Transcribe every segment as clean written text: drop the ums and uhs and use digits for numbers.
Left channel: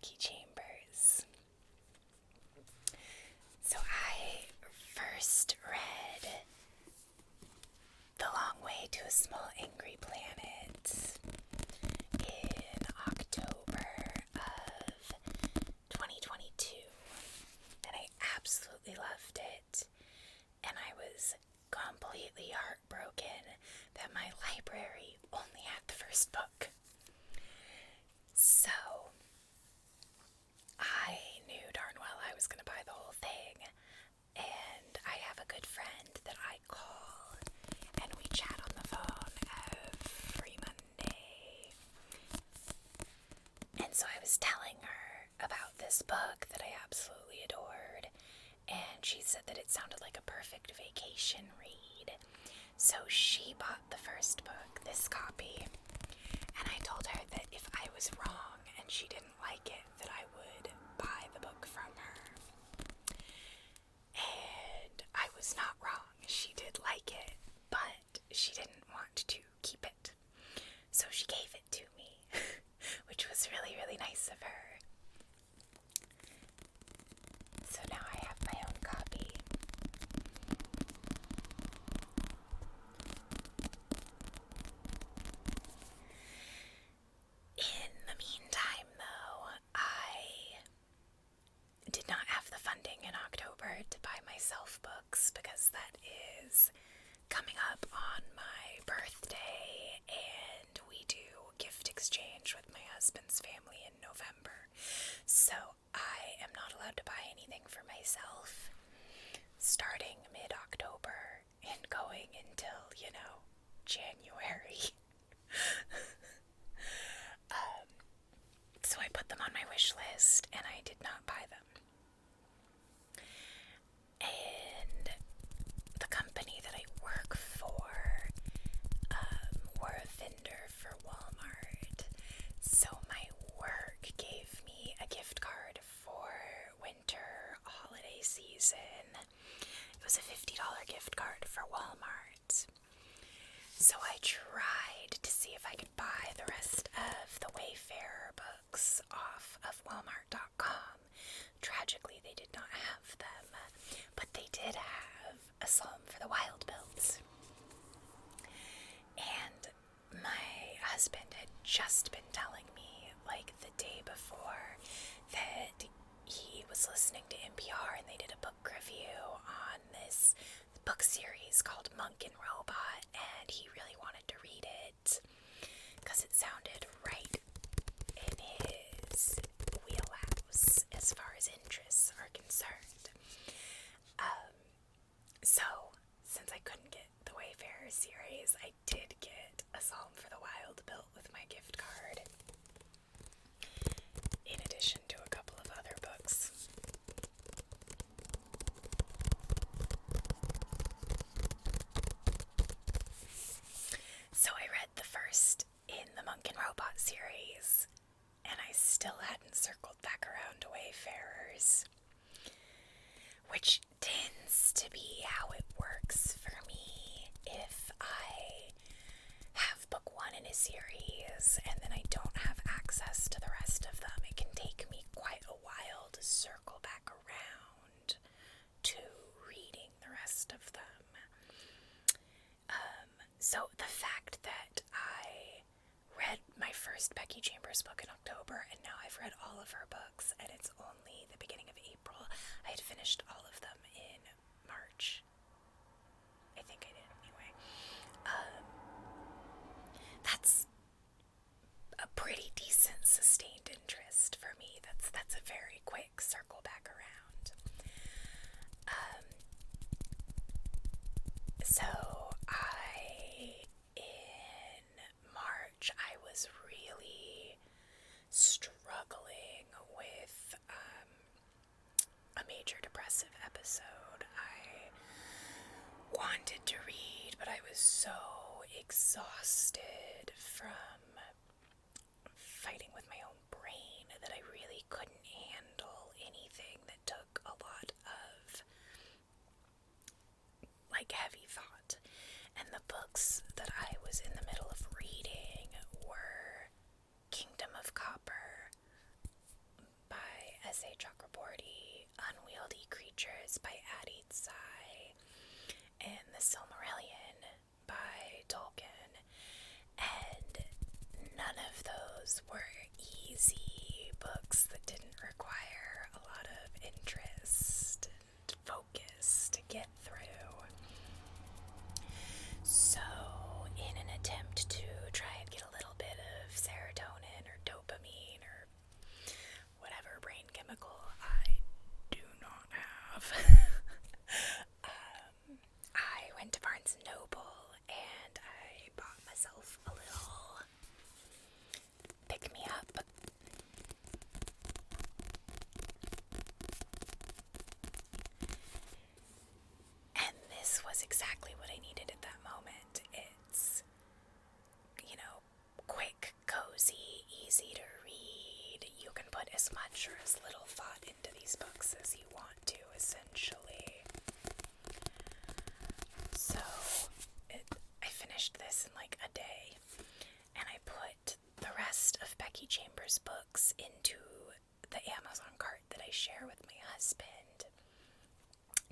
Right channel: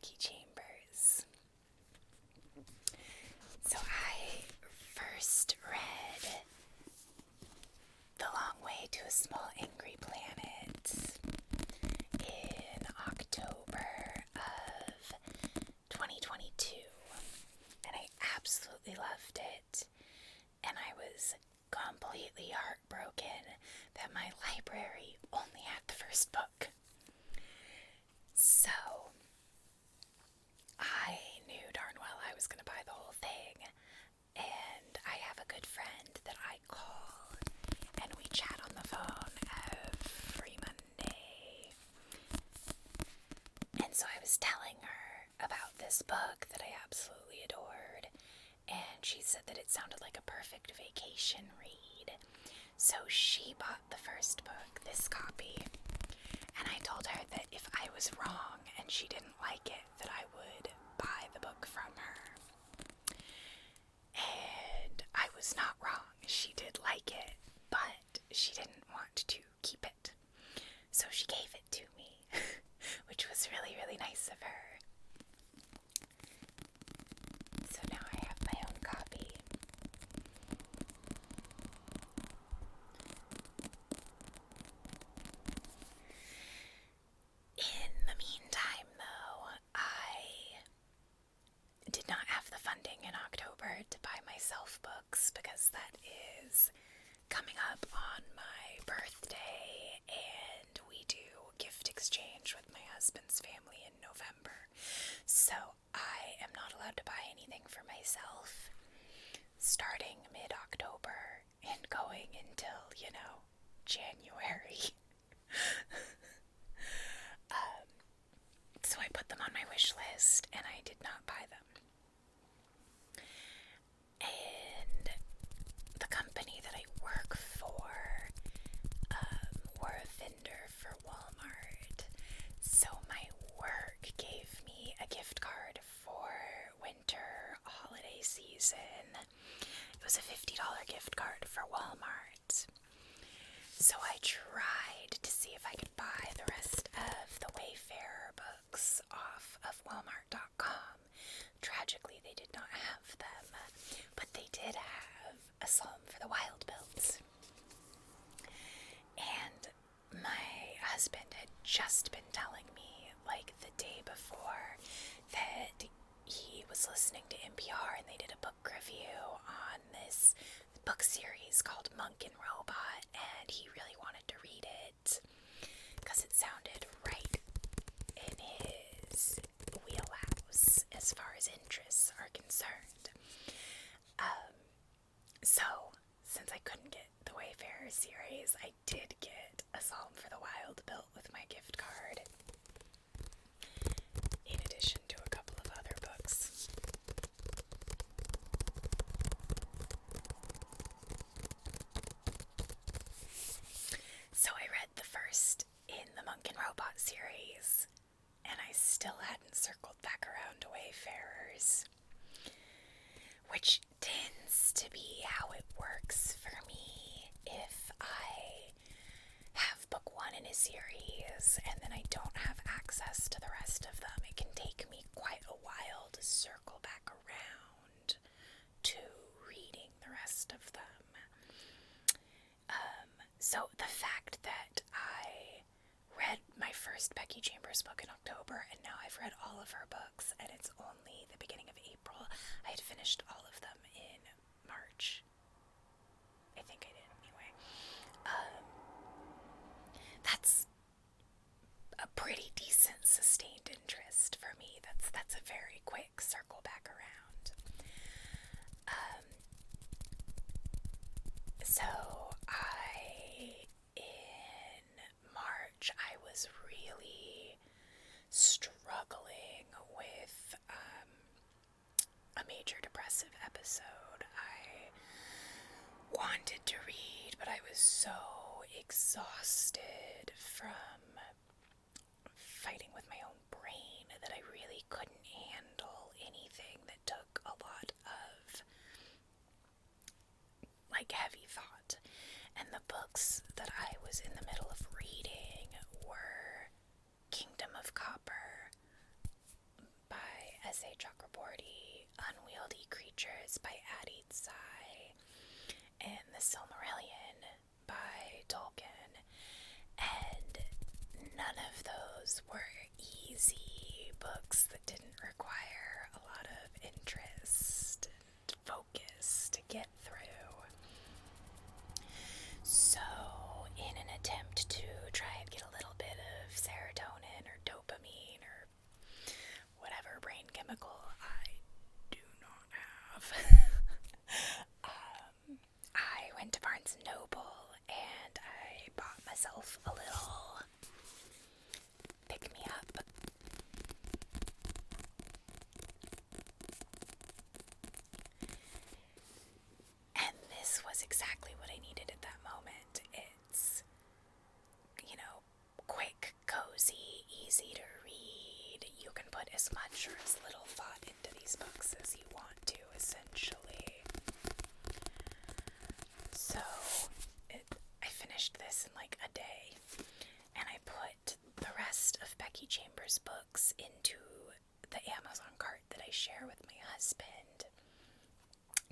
Becky Chambers. So I first read The Long Way to a Small Angry Planet in October of 2022, and I absolutely loved it, and I was completely heartbroken that my library only had the first book. So I knew darn well I was going to buy the whole thing, and I have a good friend that I call, and we chat on the phone every Monday. And so I was telling her about this book that I absolutely adored, and she said that it sounded like a perfect vacation read. So she bought the first book, this copy, and I told her that if I was wrong and she didn't like it, that I would buy the book from her. And I was not wrong. She did like it, but she didn't want to keep it. So she gave it to me, which was really, really nice of her. So now I have my own copy. In the meantime, though, I did not have the funding in October to buy myself books because that is coming up on my birthday, and we do gift exchange with my husband's family in November. So I am not allowed to buy anything for myself starting mid-October and going until, January. So I put them on my wish list, and I did not buy them. And the company that I work for, we're a vendor for Walmart. So my work gave me a gift card for winter holiday season. It was a $50 gift card for Walmart. So I tried to see if I could buy the rest of the Wayfarer books off of Walmart.com. Tragically, they did not have them, but they did have A Psalm for the Wild-Built. And my husband had just been telling me, like the day before, that he was listening to NPR and they did a book review on this book series called Monk and Robot, and he really wanted to read it because it sounded right in his wheelhouse as far as interests are concerned. So since I couldn't get the Wayfarer series, I did get A Psalm for the Wild-Built with my gift card, in addition to a couple of other books. So I read the first in the Monk and Robot series, and I still hadn't circled back around to Wayfarers, which tends to be how it works for me. If I have book one in a series and then I don't have access to the rest of them, it can take me quite a while to circle back around to reading the rest of them. So the fact that I read my first Becky Chambers book in October, and now I've read all of her books, and it's only the beginning of April. I had finished all of them in March. I think I did, anyway. That's a pretty decent sustained interest for me. That's a very quick circle back around. So in March, I was really struggling with a major depressive episode. I wanted to read, but I was so exhausted from fighting with my own brain that I really couldn't handle anything that took a lot of heavy thought. And the books that I was in the middle of reading were Kingdom of Copper that didn't require a lot of interest and focus to get through. So, in an attempt to try and get a little bit of serotonin or dopamine or whatever brain chemical I do not have, I went to Barnes & Noble and I bought myself a little pick-me-up. And this was exactly what I needed at that moment. It's, quick, cozy, easy to read. You can put as much or as little thought into these books as you want to, essentially. So, I finished this in like a day, and I put the rest of Becky Chambers' books into the Amazon cart that I share with my husband,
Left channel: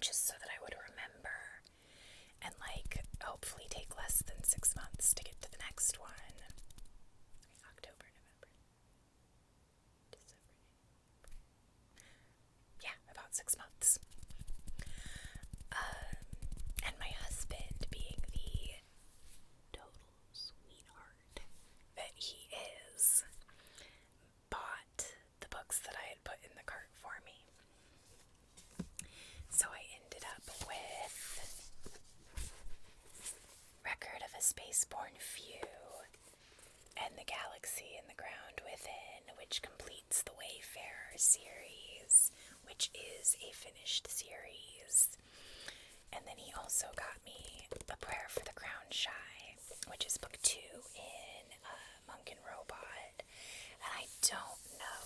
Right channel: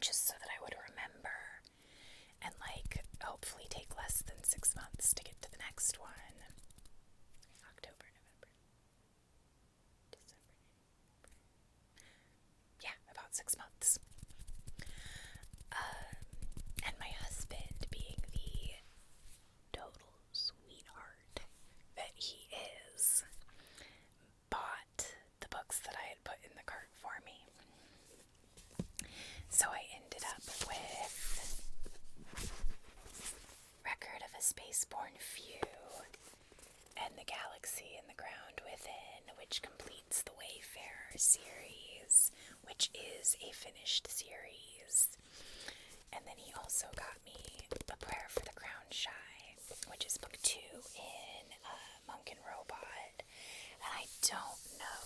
just so that I would remember and hopefully take less than 6 months to get to the next one. October, November, December. Yeah, about 6 months. And my husband, being the total sweetheart that he is, bought the books that I had put in the cart for me. So I ended up with Record of a Spaceborne Few and The Galaxy and the Ground Within, which completes the Wayfarer series, which is a finished series. And then he also got me A Prayer for the Crown Shy, which is book 2 in Monk and Robot. And I don't know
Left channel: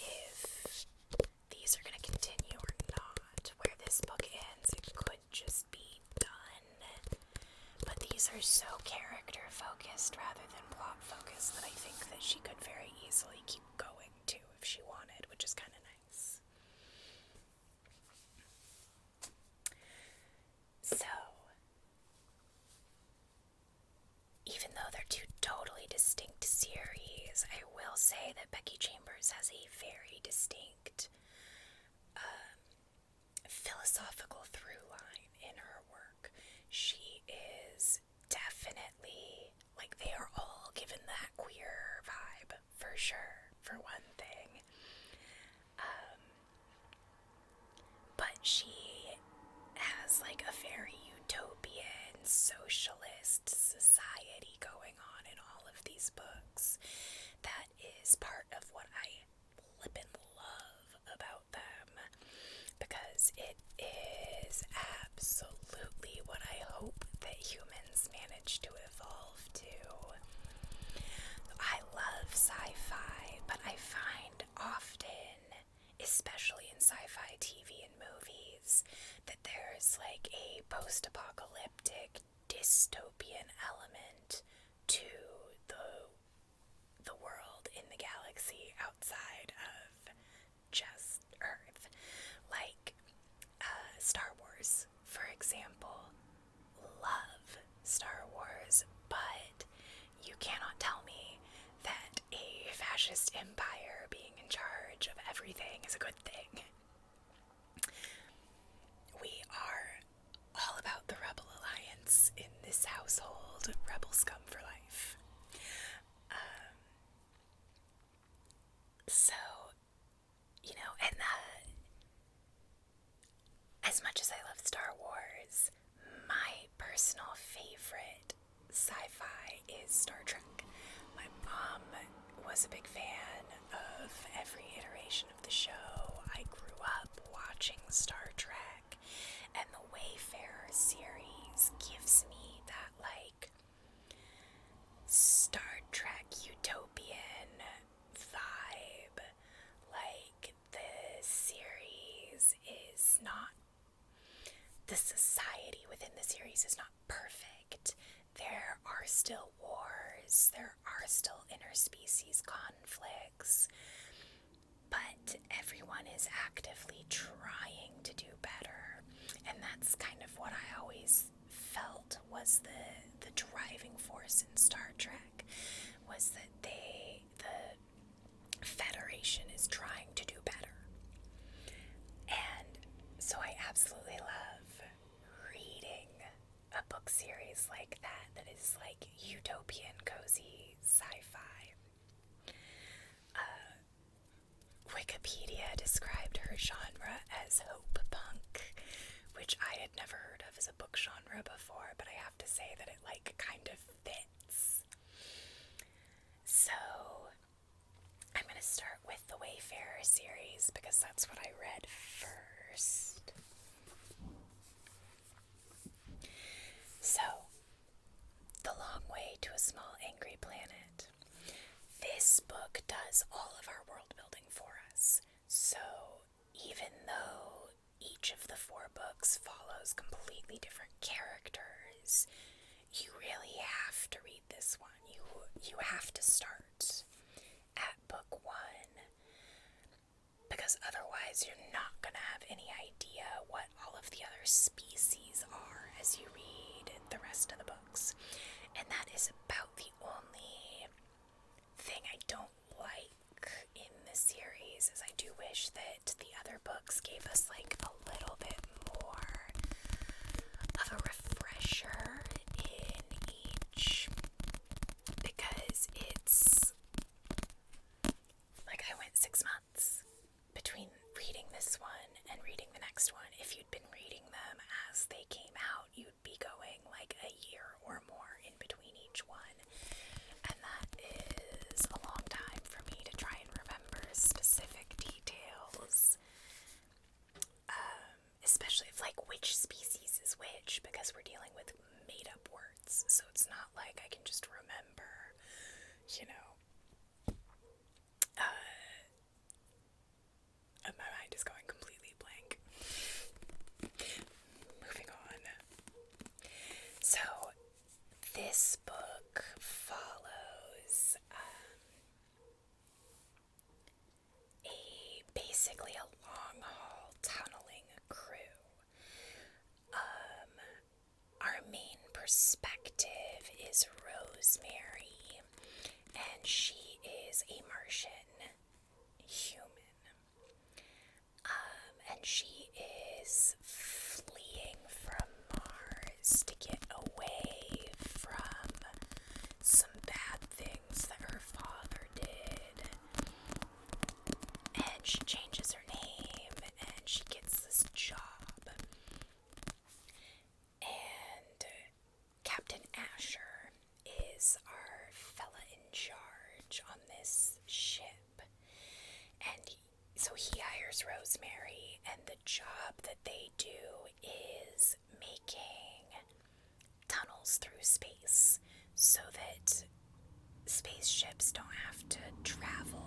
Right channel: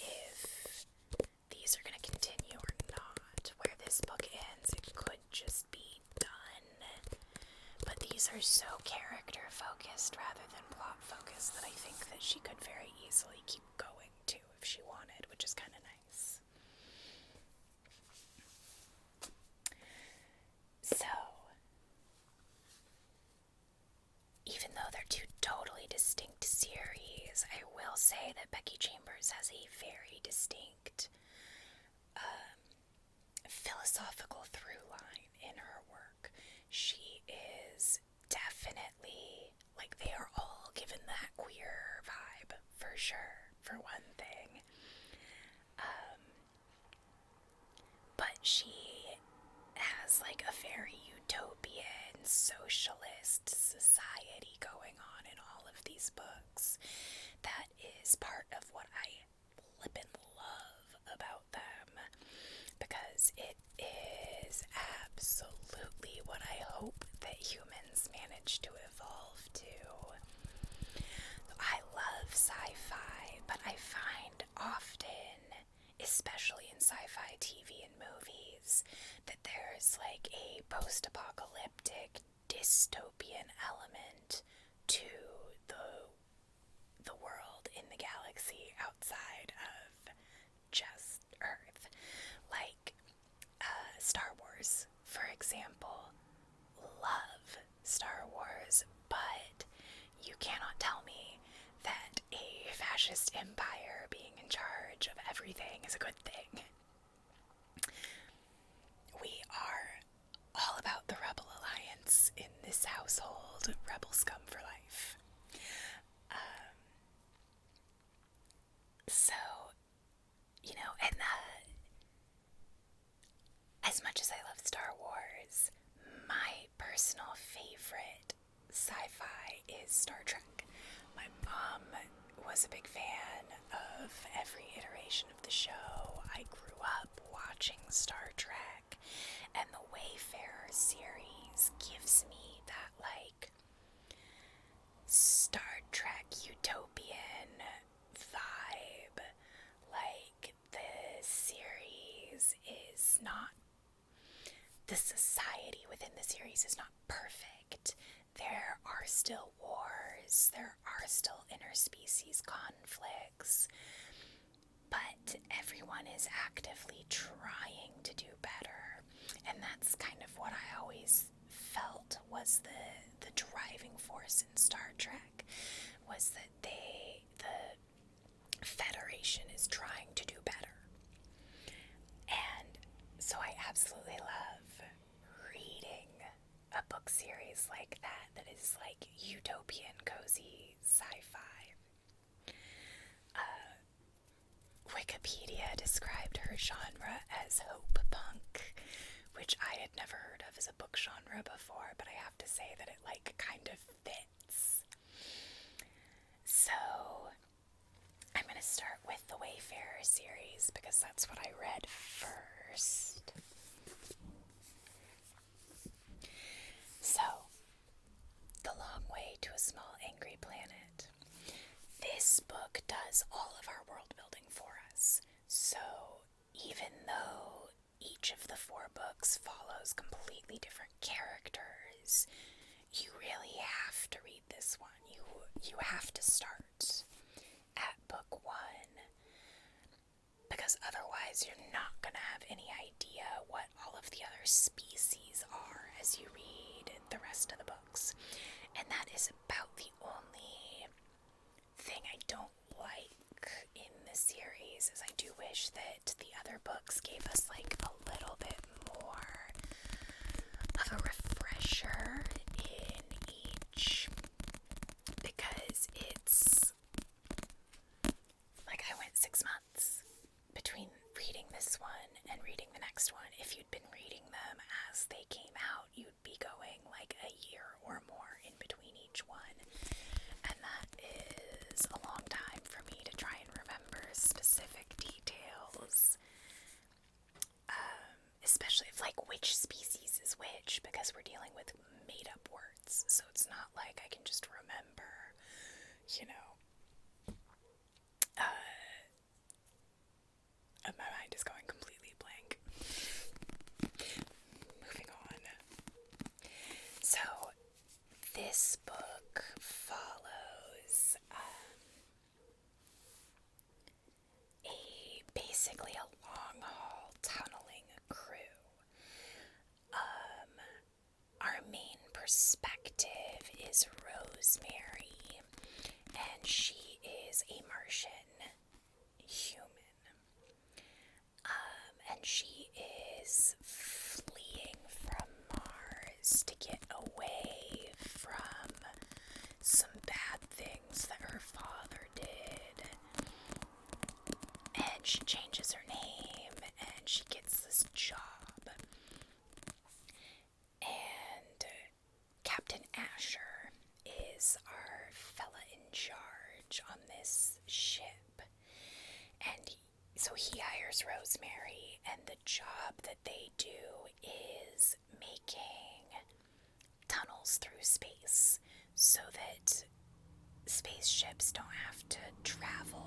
if these are going to continue or not. Where this book ends, it could just be done. But these are so character focused rather than plot focused that I think that she could very easily keep going too if she wanted, which is kind of nice. So, even though they're two totally distinct series, I will say that Becky Chambers has a very distinct philosophical through line in her work. She is definitely, they are all given that queer vibe, for sure, for one thing. But she has a very utopian socialist society going on in all of these books. That is part of what I flip and love about them, because it is absolutely what I hope that humans manage to evolve to. I love sci-fi, but I find often, especially in sci-fi TV and movies, that there's a post-apocalyptic dystopian element to the world in the galaxy outside of just Earth. Star Wars, for example. Love Star Wars, but you cannot tell me that a fascist empire being in charge of everything is a good thing. We are all about the Rebel Alliance in this household. Rebel scum for life. So, and as much as I love Star Wars, my personal favorite sci-fi is Star Trek. My mom was a big fan of every iteration of the show. I grew up watching Star Trek, and the Wayfarer series gives me that Star Trek utopian vibe. The series is not, the society within the series is not perfect. There are still wars, there are still interspecies conflicts, but everyone is actively trying to do better. And that's kind of what I always felt was the driving force in Star Trek, was that the Federation is trying to because that's what I read first. So, The Long Way to a Small Angry Planet. This book does all of our world building for us. So, even though each of the 4 books follows completely different characters, you really have to read this one. You have to start at book 1, because otherwise you're not going to have any idea what all of the other species are as you read the rest of the books. And that is about the only thing I don't like in the series, is I do wish that the other books gave us like a little bit more of a refresher in each, because it's like I went 6 months between reading this one and reading the next one. If you'd been reading them as they came out, you'd be going like a year or more in between each one. And that is a long time for me to try and remember specific details. Especially if like which species is which, because we're dealing with made up words. So it's not like I can just remember, my mind is going completely blank. Moving on. So, this book follows basically a long-haul tunneling crew. Our main perspective is Rosemary, and she is a Martian human. And she is fleeing from Mars to get away from some bad things that her father did. And she changes her name, and she gets this job. And Captain Asher is our fella in charge on this ship. And so he hires Rosemary, and the job that they do is making tunnels through space so that spaceships don't have to travel,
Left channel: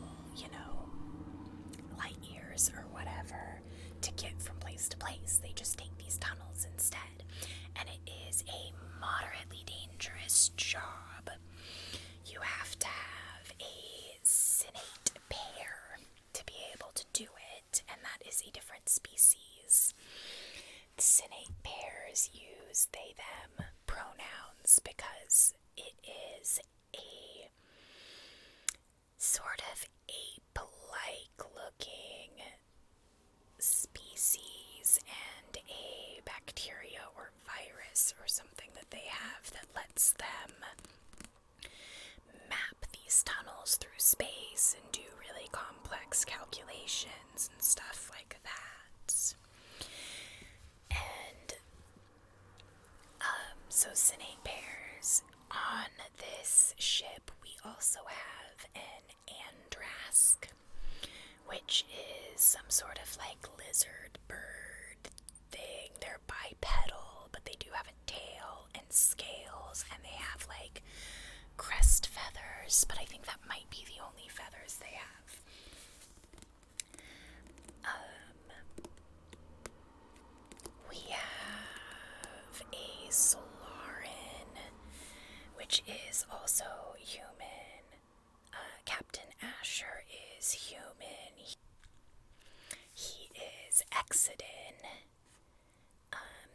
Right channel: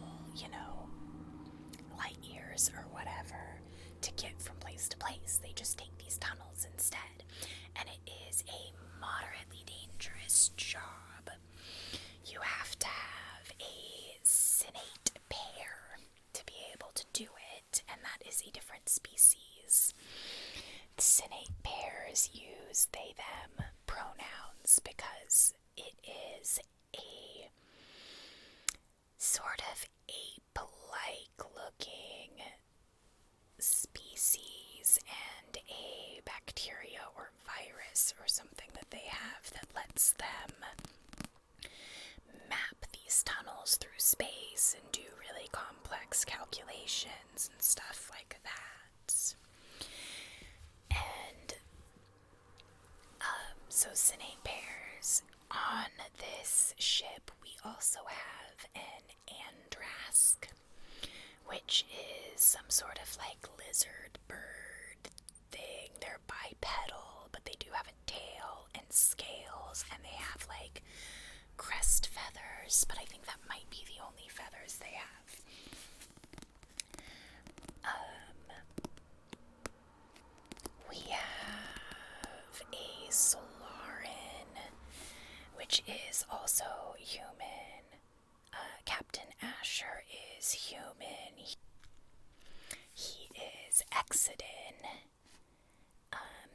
light years or whatever to get from place to place. They just take these tunnels instead. And it is a moderately dangerous job. You have to have a Sinnate pair to be able to do it, and that is a different species. The Sinnate pairs use they, them pronouns because it is a sort of ape-like looking species and a bacteria or virus or something that they have that lets them map these tunnels through space and do really complex calculations and stuff like that. And so Sinnate pairs. On this ship we also have an Andrask, which is some sort of like lizard bird thing. They're bipedal, but they do have a tail and scales, and they have like crest feathers, but I think that might be the only feathers they have. We have a Solaran, which is also human. Captain Asher is human. He is Exodin.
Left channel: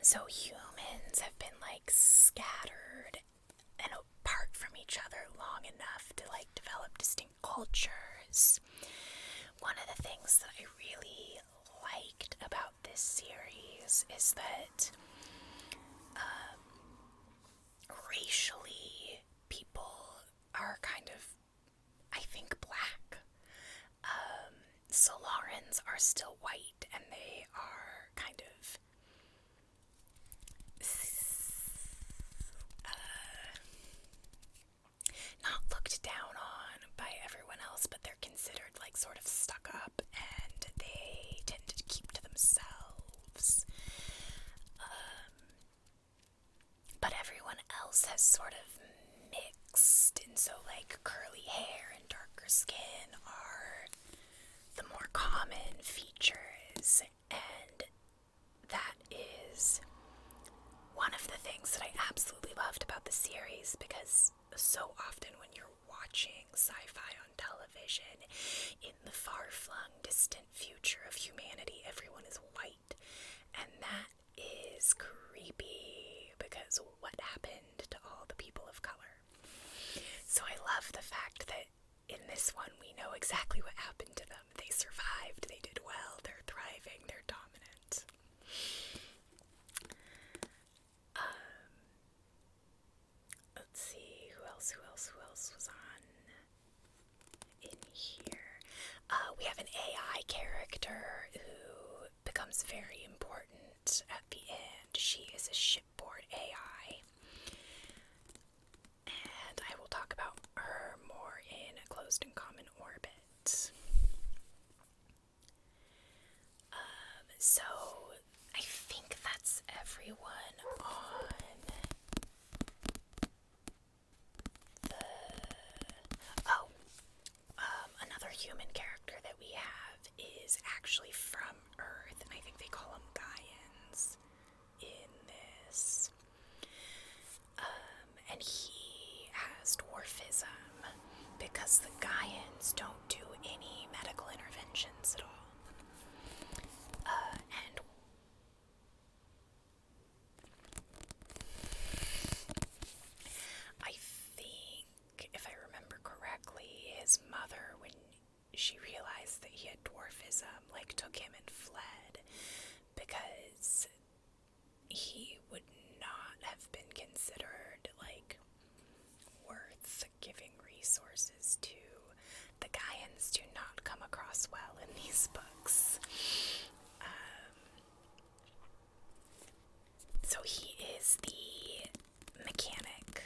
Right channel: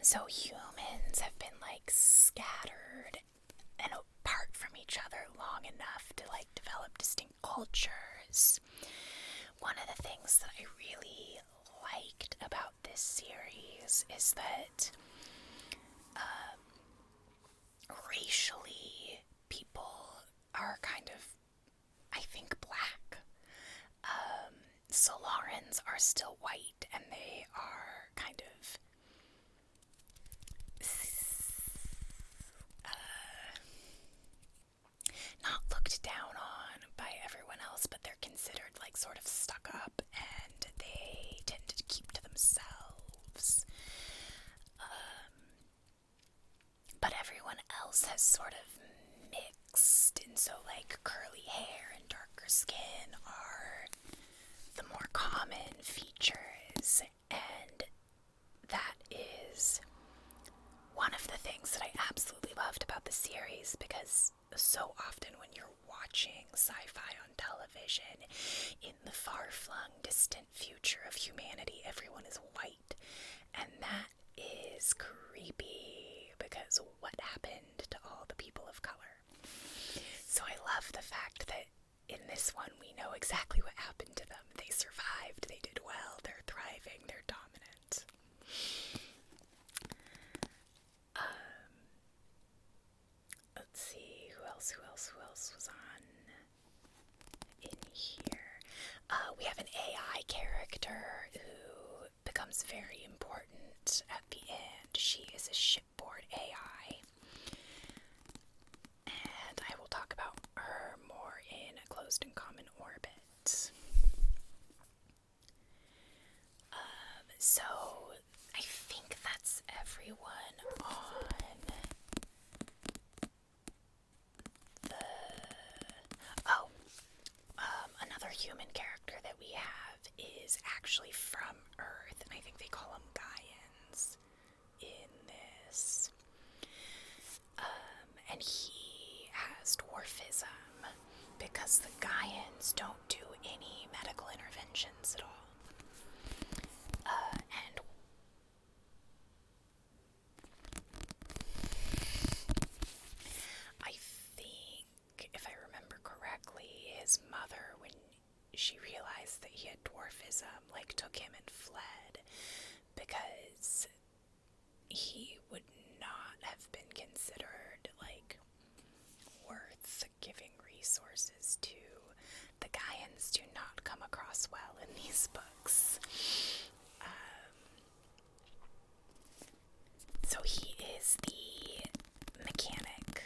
So humans have been like scattered and apart from each other long enough to like develop distinct cultures. One of the things that I really liked about this series is that racially people are kind of, I think, black. Solarans are still white, and they are kind of not looked down on by everyone else, but they're considered like sort of stuck up, and they know exactly what happened to them. They survived, they did well, they're thriving, they're dominant. Let's see, who else was on in here? We have an AI character who becomes very important at the end. She is a shipboard AI. And I will talk about her more in a closed and common orbit. So I think that's everyone on the... Oh, another human character that we have is actually from Earth, and I think they call them Gaians in this. And he has dwarfism because the Gaians don't do any medical interventions at all. And I think, if I remember correctly, his mother, when she realized that he had dwarfism, like, took him and fled because he would not have been considered, like, worth giving resources to. The Gaians do not come across well in these books. So he is the mechanic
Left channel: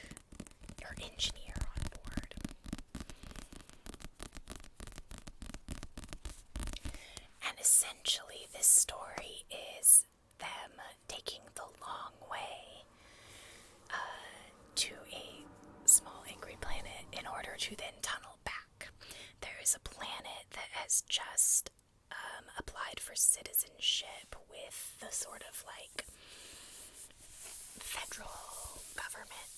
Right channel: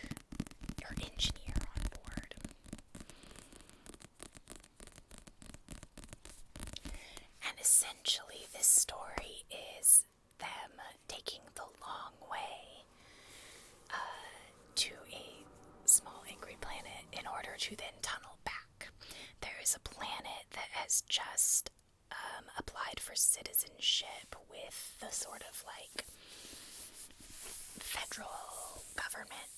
or engineer on board. And essentially this story is them taking the long way to a small angry planet in order to then tunnel back. There is a planet that has just applied for citizenship with the sort of like federal government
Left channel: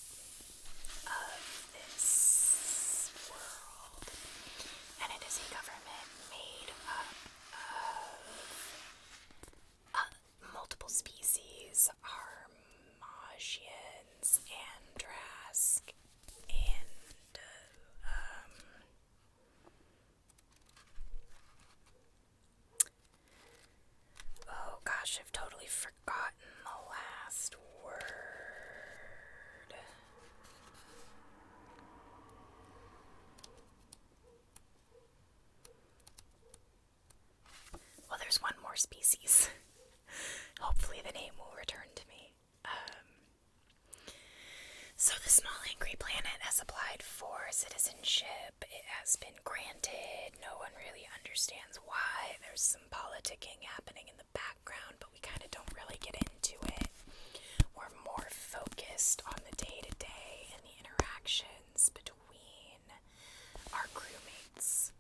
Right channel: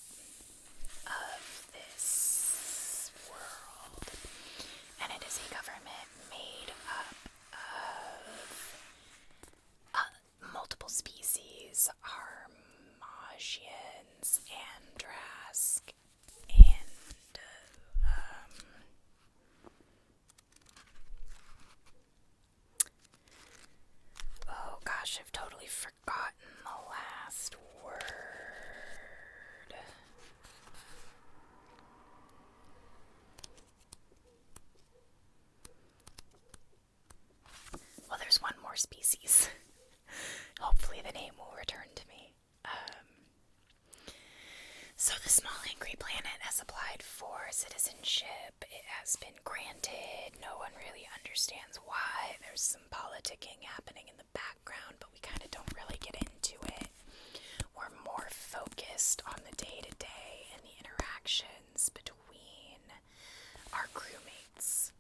of this world, and it is a government made up of multiple species: Armagians, Andrask, and oh gosh, I've totally forgotten the last word. Well, there's one more species. Hopefully the name will return to me. So the small angry planet has applied for citizenship. It has been granted. No one really understands why. There's some politicking happening in the background, but we kind of don't really get into it. We're more focused on the day-to-day and the interactions between our crewmates.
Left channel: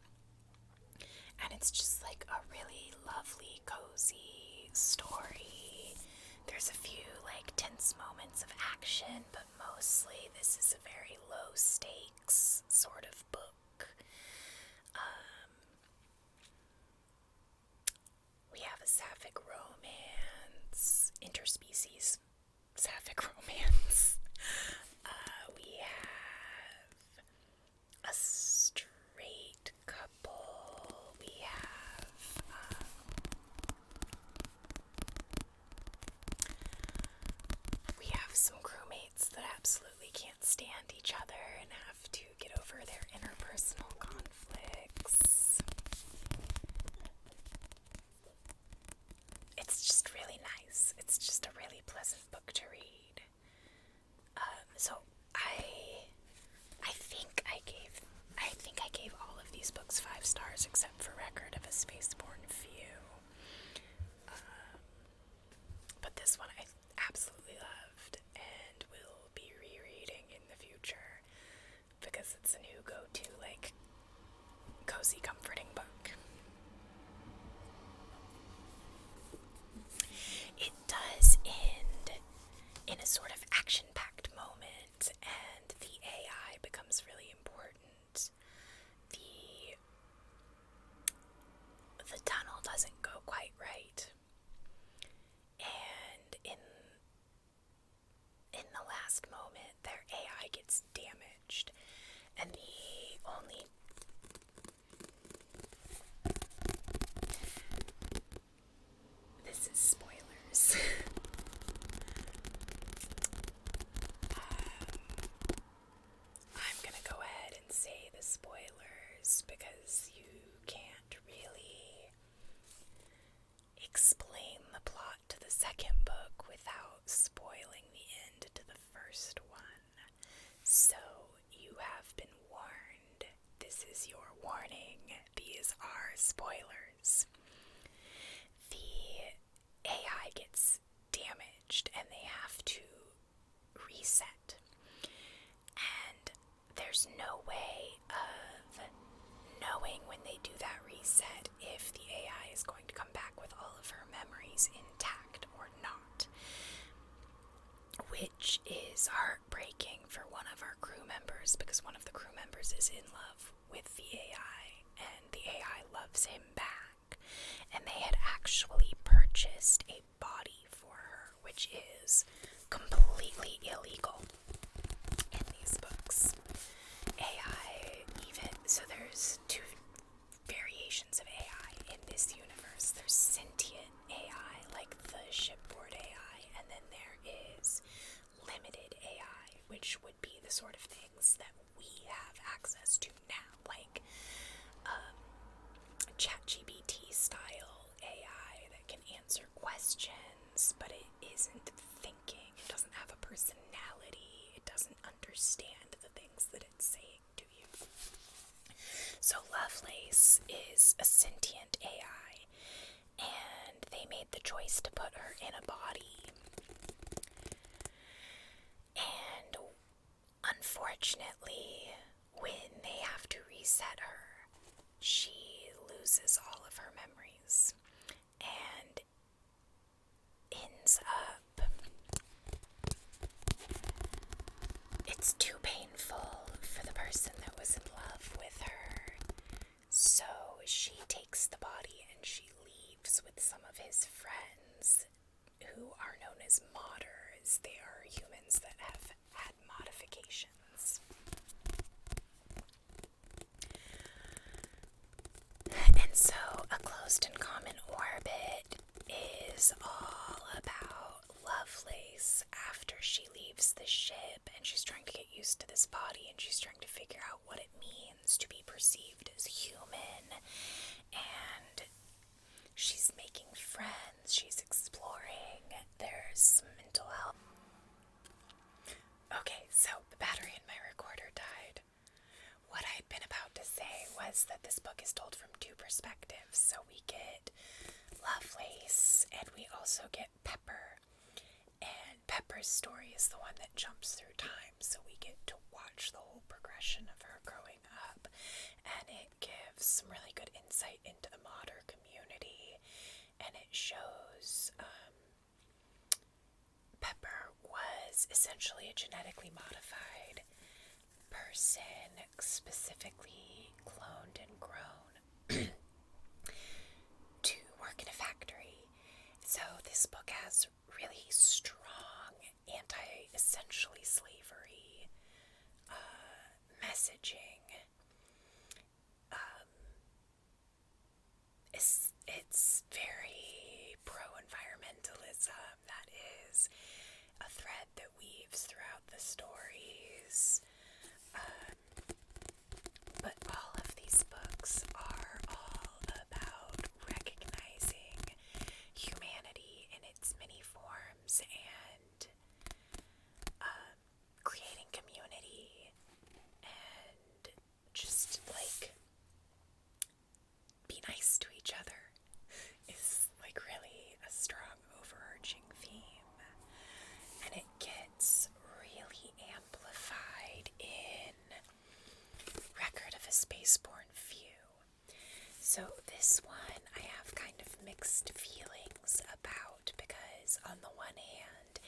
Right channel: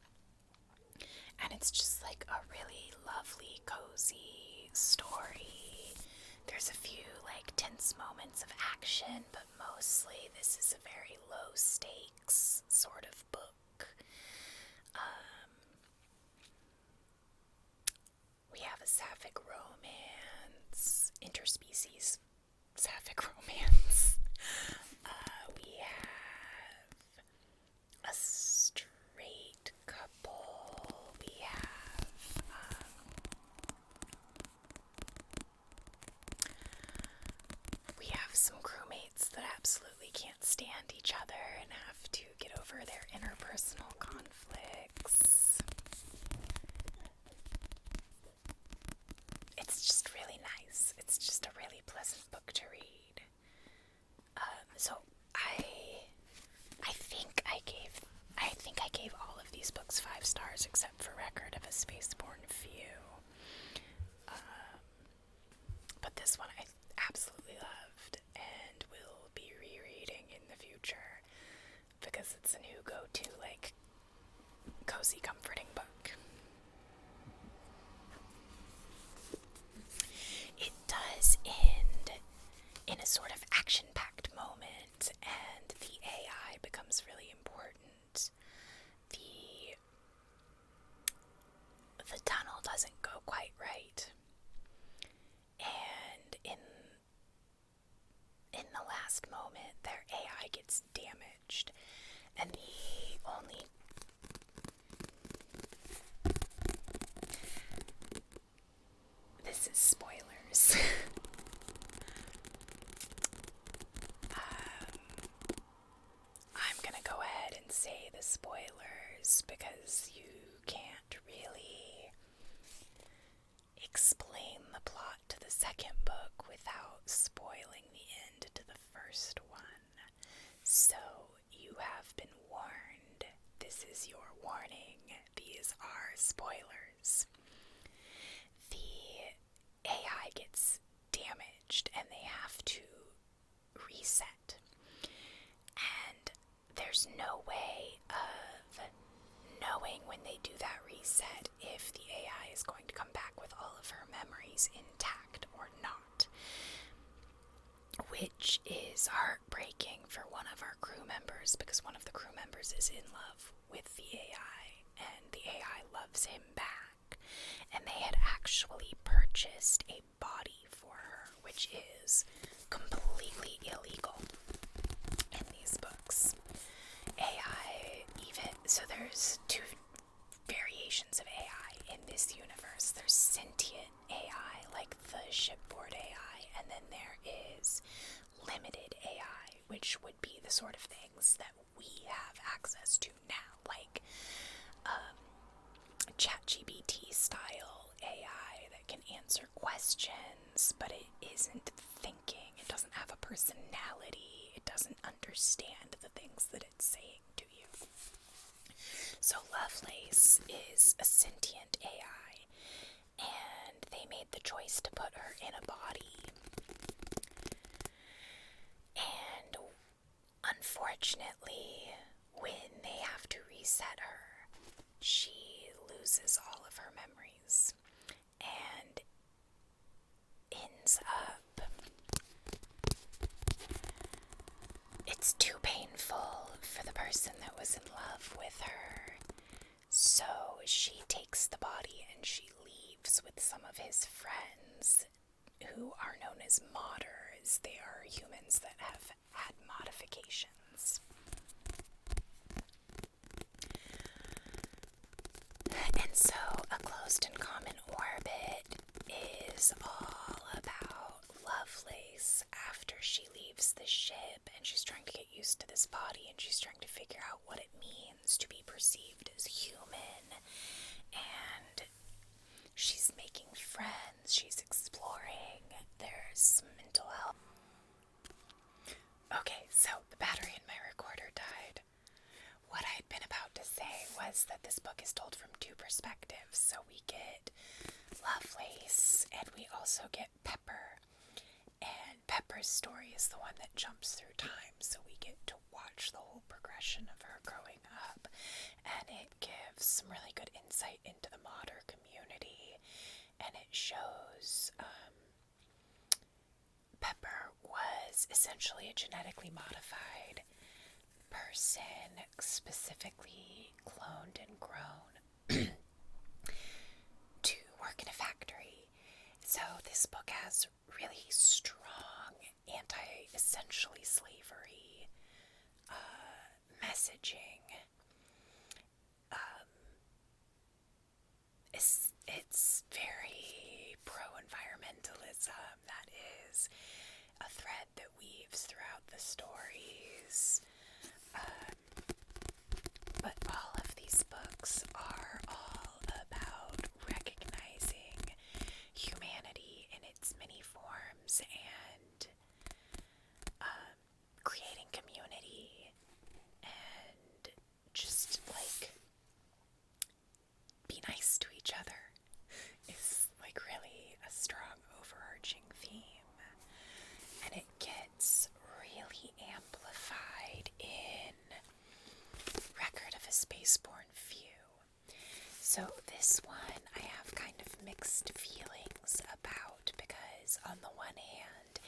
And it's just like a really lovely, cozy story. There's a few like tense moments of action, but mostly this is a very low stakes sort of book. We have a sapphic romance, interspecies sapphic romance. We have a straight couple. We have some crewmates that absolutely can't stand each other and have to get over their interpersonal conflicts. It's just really nice. It's just a really pleasant book to read. So I think I gave all of these books 5 stars except for Record of a Spaceborne Few. But this one I absolutely loved and will be rereading in the future because it's a new go-to, like, cozy, comforting book. It does end in a sort of action-packed moment, and the AI becomes really important. The tunnel doesn't go quite right, and in the last moment, their AI gets damaged, and the only this because you can't really explain the plot to the second book without spoiling the end to the first one. So you have been warned. This is your warning. These are spoilers. The AI gets damaged and they have to reset. And there's no way of knowing when they do that reset if the AI is going to come back with all of her memories intact or not. Which is heartbreaking for one of our crew members, because one of the crew members is in love with the AI and the AI loves him back. And they had actually purchased a body for her, which is completely illegal in these books. AI even, so there's two variations of AI in this universe. There's sentient AI, like the shipboard AI, and then there is limited AI, which would be the sort of things that we have access to now, like ChatGPT style AI that can answer questions, but it isn't thinking. It doesn't have a personality. It doesn't understand the things that it's saying to you. So Lovelace is a sentient AI, and they made the choice to put her in a body. And unfortunately, when they have to reset her, she loses all of her memories and ends up, it's too painful for the person that was in love with her. So she takes the body and she leaves with some of his friends who are known as modders. They are humans that have had modifications. And so A Closed and Common Orbit is all about Lovelace after she leaves the ship and she's trying to get used to this body and she's trying to figure out what it means to be perceived as human. And she's making friends, she's exploring, there's some mental health. Okay, so the battery in my recorder died. What I'd been about to say was that this book is told from two perspectives. So we get Lovelace and we also get Pepper. And Pepper's story is the one that jumps through time, so we get to watch the whole progression of her growing up. And it gives some really good insight into the modder community. And it shows Pepper was essentially a genetically modified person, specifically cloned and grown to work in a factory. So this book has really strong anti-essentially slavery messaging. It's very pro-environmentalism. That is a thread that weaves throughout the stories. But all of these books are all about recognizing humanity in its many forms and creating community and just like be nice to each other is like really a strong overarching theme. And it gets really amplified in Record of a Spaceborne Few. So this one I have kind of mixed feelings about because on the one hand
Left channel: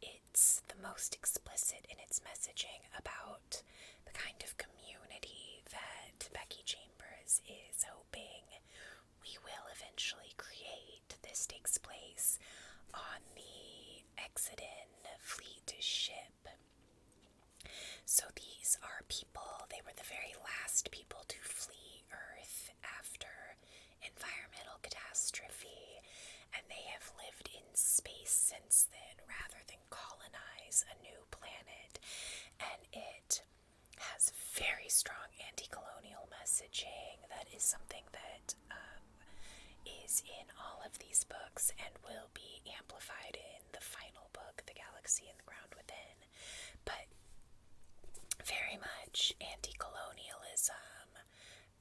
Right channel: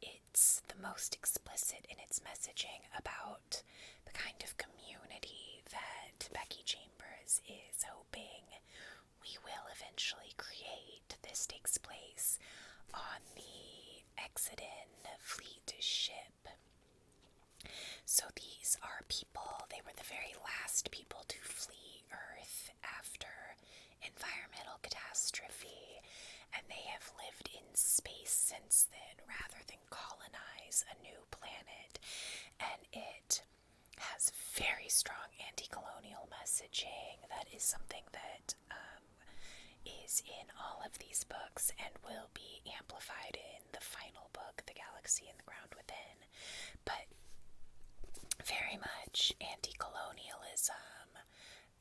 it's the most explicit in its messaging about the kind of community that Becky Chambers is hoping we will eventually create. This takes place on the Exodin fleet ship. So these are people, they were the very last people to flee Earth after environmental catastrophe, and they have lived in space since then rather than colonize a new planet. And it has very strong anti-colonial messaging. something that is in all of these books and will be amplified in the final book, The Galaxy and the Ground Within. But very much anti-colonialism,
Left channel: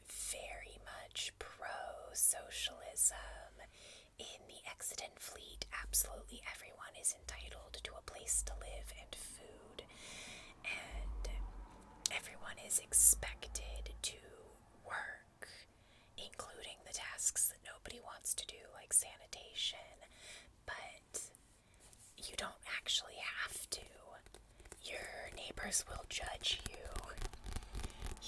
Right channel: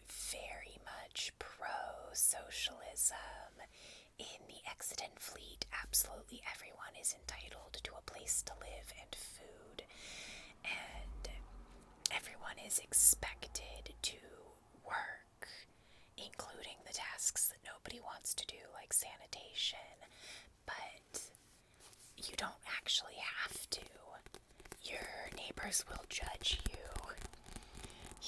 very much pro-socialism. In the Exodus fleet, absolutely everyone is entitled to a place to live and food, and everyone is expected to work, including the tasks that nobody wants to do, like sanitation, but you don't actually have to. Your neighbors will judge you.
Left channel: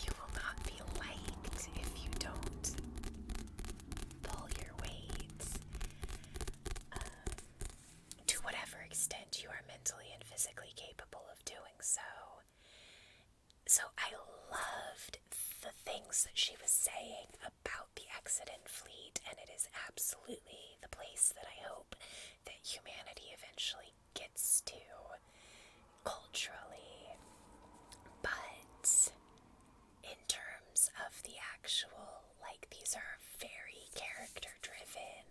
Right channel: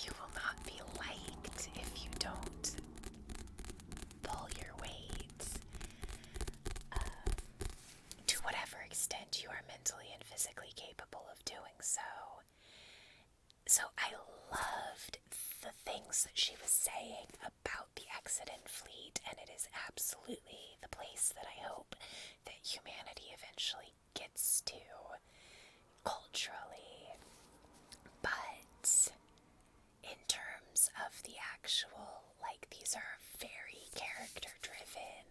You will not be liked if you don't pull your weight. To whatever extent you are mentally and physically capable of doing so. So I loved the things that she was saying about the Exodus fleet, and it is absolutely the place that I hope that humanity eventually gets to culturally. But in terms of the actual, like, these are very character-driven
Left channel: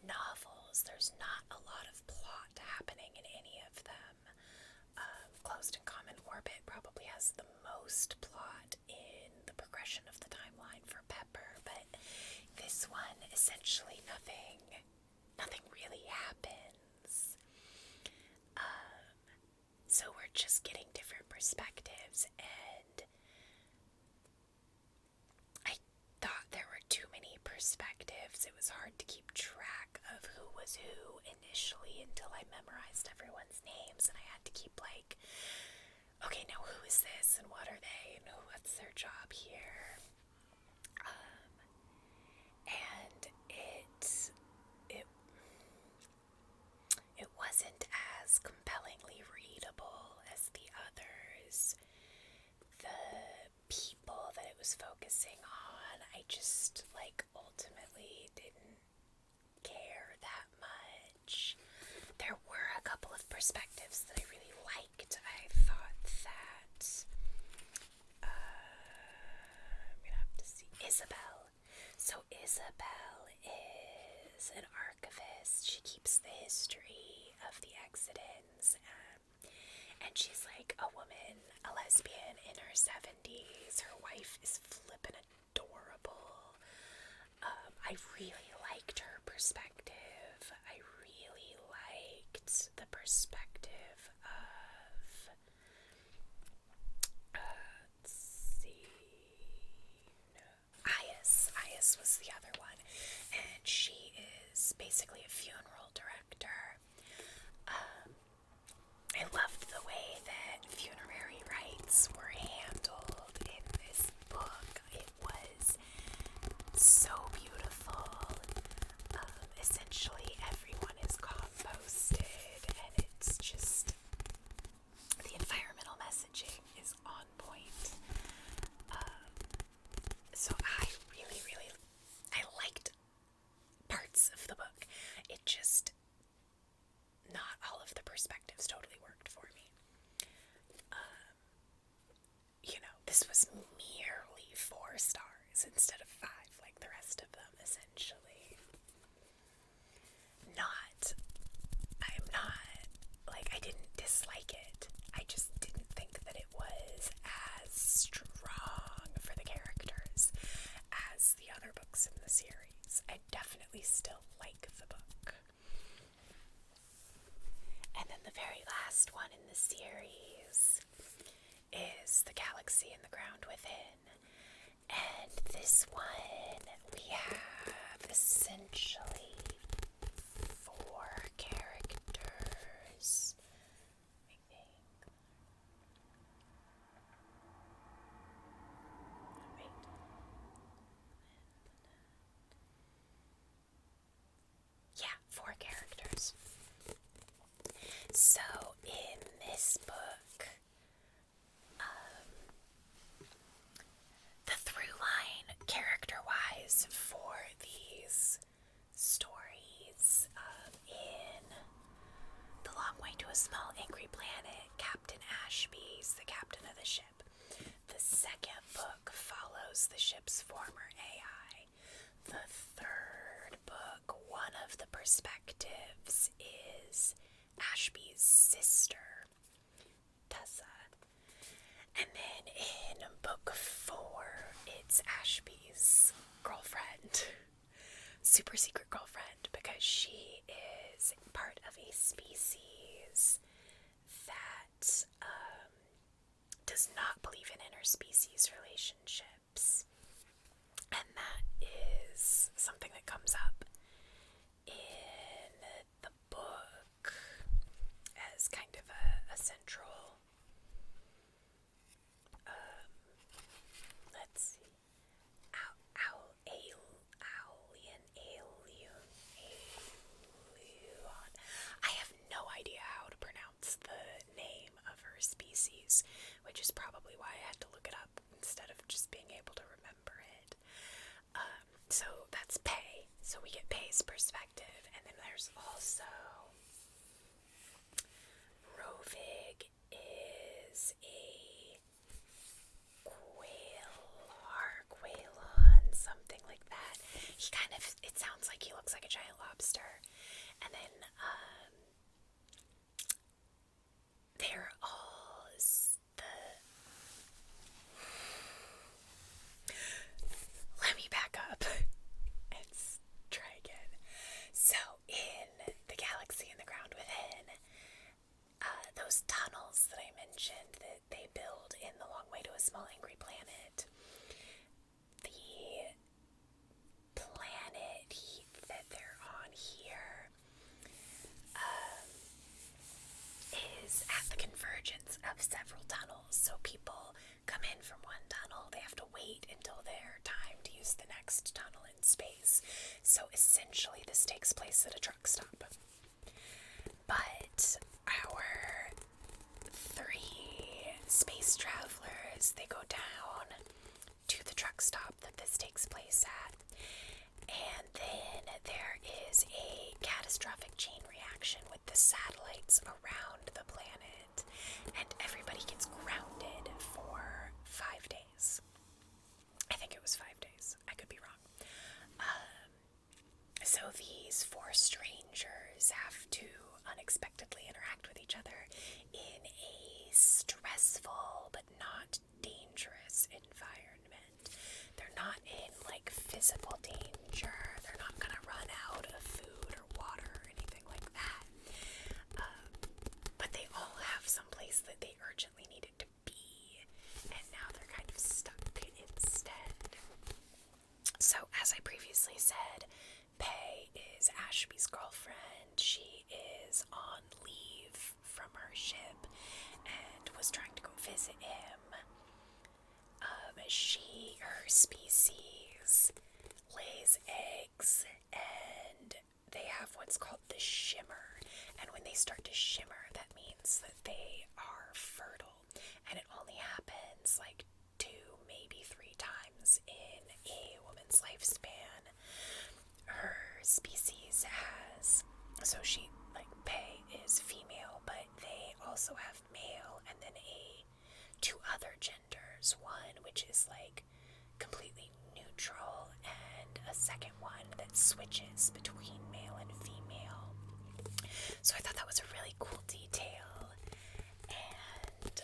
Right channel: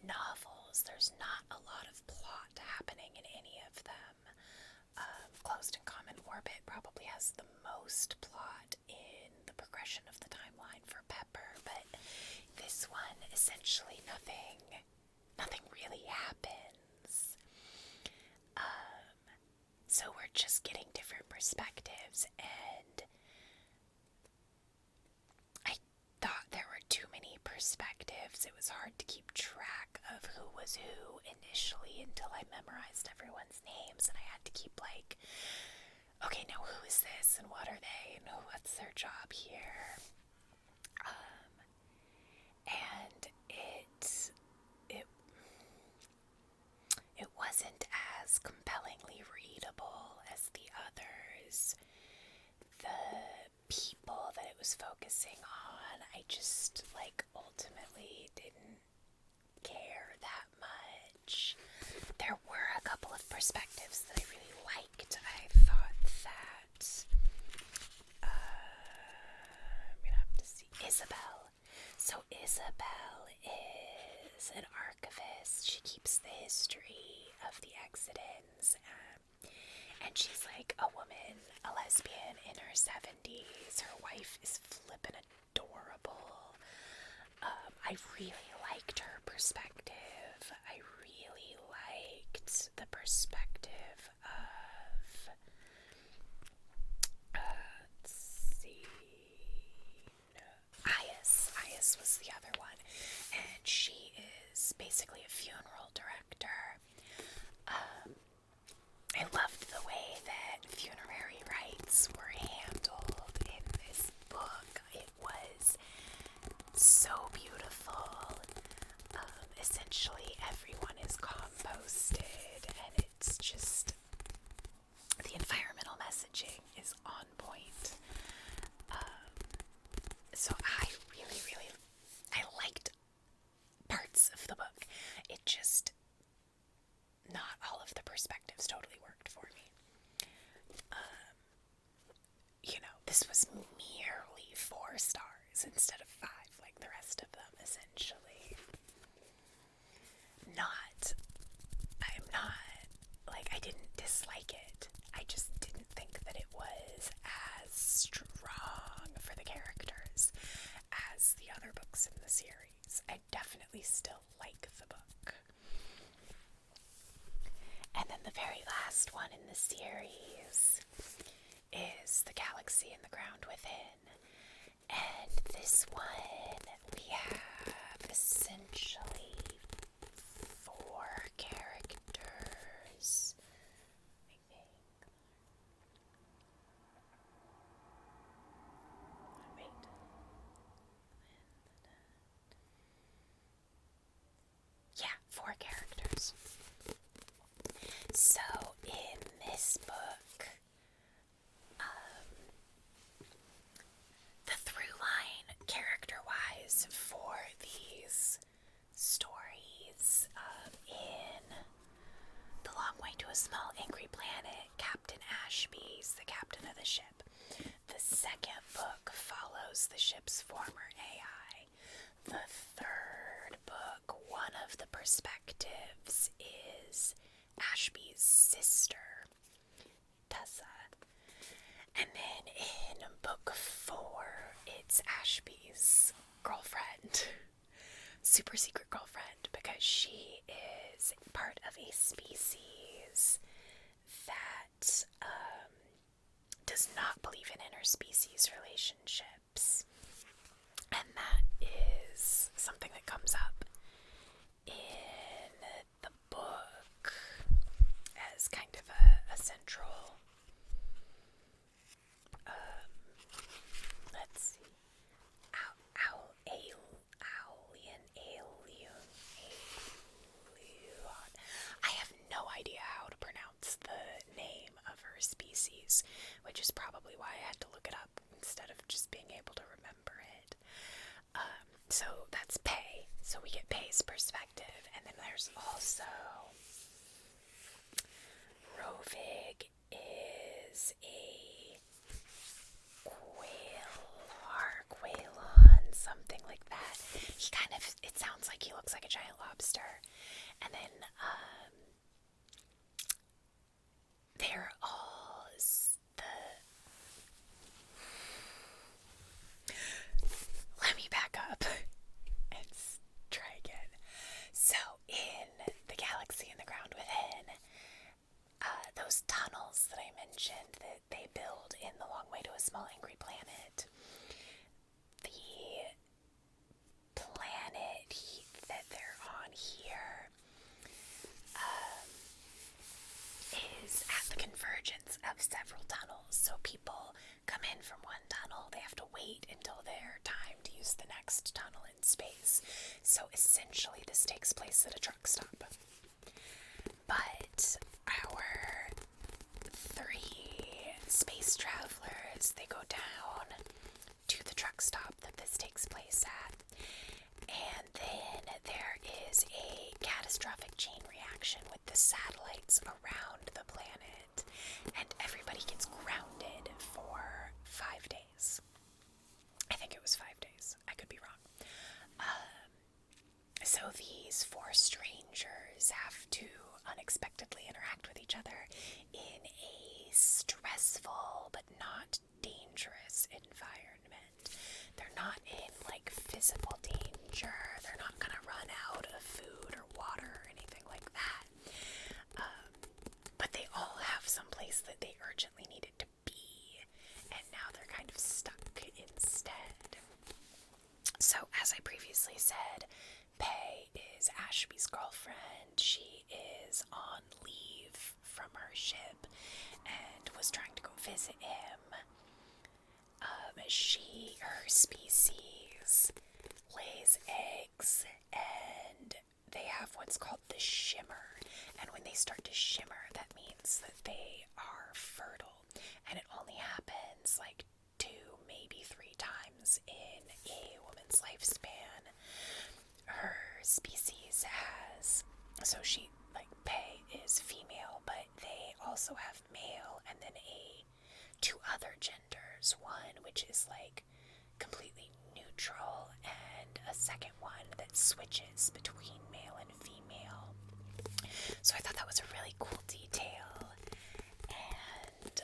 novels. There's not a lot of plot happening in any of them. Closed and Common Orbit probably has the most plot in the progression of the timeline for Pepper, but this one, essentially nothing really happens. So we're just getting different perspectives, and I thought there were too many perspectives. It was hard to keep track of who was who initially until I memorized everyone's names, and I had to keep like, okay, now who is this, and what are they, and what's their job here? And it wasn't as compellingly readable as the others. The people that it was focusing on, I just, like, ultimately didn't care that much. There were a couple of perspectives that I really liked. I thought that, I'm gonna have to see, Isabel. So Isabel is an archivist. She keeps the history of the Exodans, and she's like a woman, a lesbian in her 70s. Her wife is flippin' adorable. I really liked her perspective. I really liked the perspective of, let's see, Ias was the other one, and she is basically a funeral director. I loved the way that funerary rites were handled in this book. It was so beautiful. Essentially, everyone is composted, and it's just, the environmental messaging is on point. So I really I liked parts of the book. It just, not all of the perspectives totally worked for me. This was merely 4 stars instead of 5 like the rest of them, essentially. I didn't dislike it. I just didn't think that it was as strong for the characters as the other books in the series. I definitely still like the book. And then the very last one in the series is The Galaxy and the Ground Within. And this one, we have essentially 4 characters, I think. Wait. Yeah, 4 characters. So in this book, the through line, character-wise, for these stories, in The Long Way to a Small Angry Planet, Captain Ashby's the captain of the ship. The second book follows the ship's former AI, the third book, one of the perspectives is Ashby's sister, Tessa. And then in book 4, it's Ashby's girlfriend. Super secret girlfriend, because she is part of a species that does not believe in interspecies relationships. And that is something that comes up in the book as kind of a central, let's see, Alien. I have no idea how to pronounce the name of her species, which is probably why I had to look it up instead of just being able to remember it. So that's Pei. So we get Pei's perspective, and then there's also Rovig is a Quailon, something like that. He kind of, it sounds like he looks like a giant lobster. And then they're all let me back up and try again. So in the galaxy and the ground within, those tunnels that I mentioned that they build in The Long Way to a Small Angry Planet, the planet that they're on here is at the convergence of several tunnels. So people come in from one tunnel, they have to wait until their time to use the next tunnel in space. So essentially this takes place at a truck stop. But our 3 space travelers, they go down to the truck stop that this takes place at. And then there is a catastrophic chain reaction with the satellites around the planet, and everybody gets grounded for 5 days. I think it was 5 days. I could be wrong. So these 4 strangers have to unexpectedly interact with each other in a stressful but not dangerous environment. They're not in like physical danger. They're not gonna run out of food or water or anything like that. But they all have some place that they urgently needed to be, and now they're kind of stuck instead. So as I previously said, Pei is Ashby's girlfriend. She is on leave from her ship and was trying to go visit him. Her species lays eggs, and they have what's called the shimmer. And when they start to shimmer, that means that they are fertile. And it only happens like 2, maybe 3 times in a woman's lifespan. Her species has, so she, like, Pei is female, but they also have male and then 2 other genders. One which is like completely neutral, and a second one that switches between male and female. So I thought that was a really cool detail. And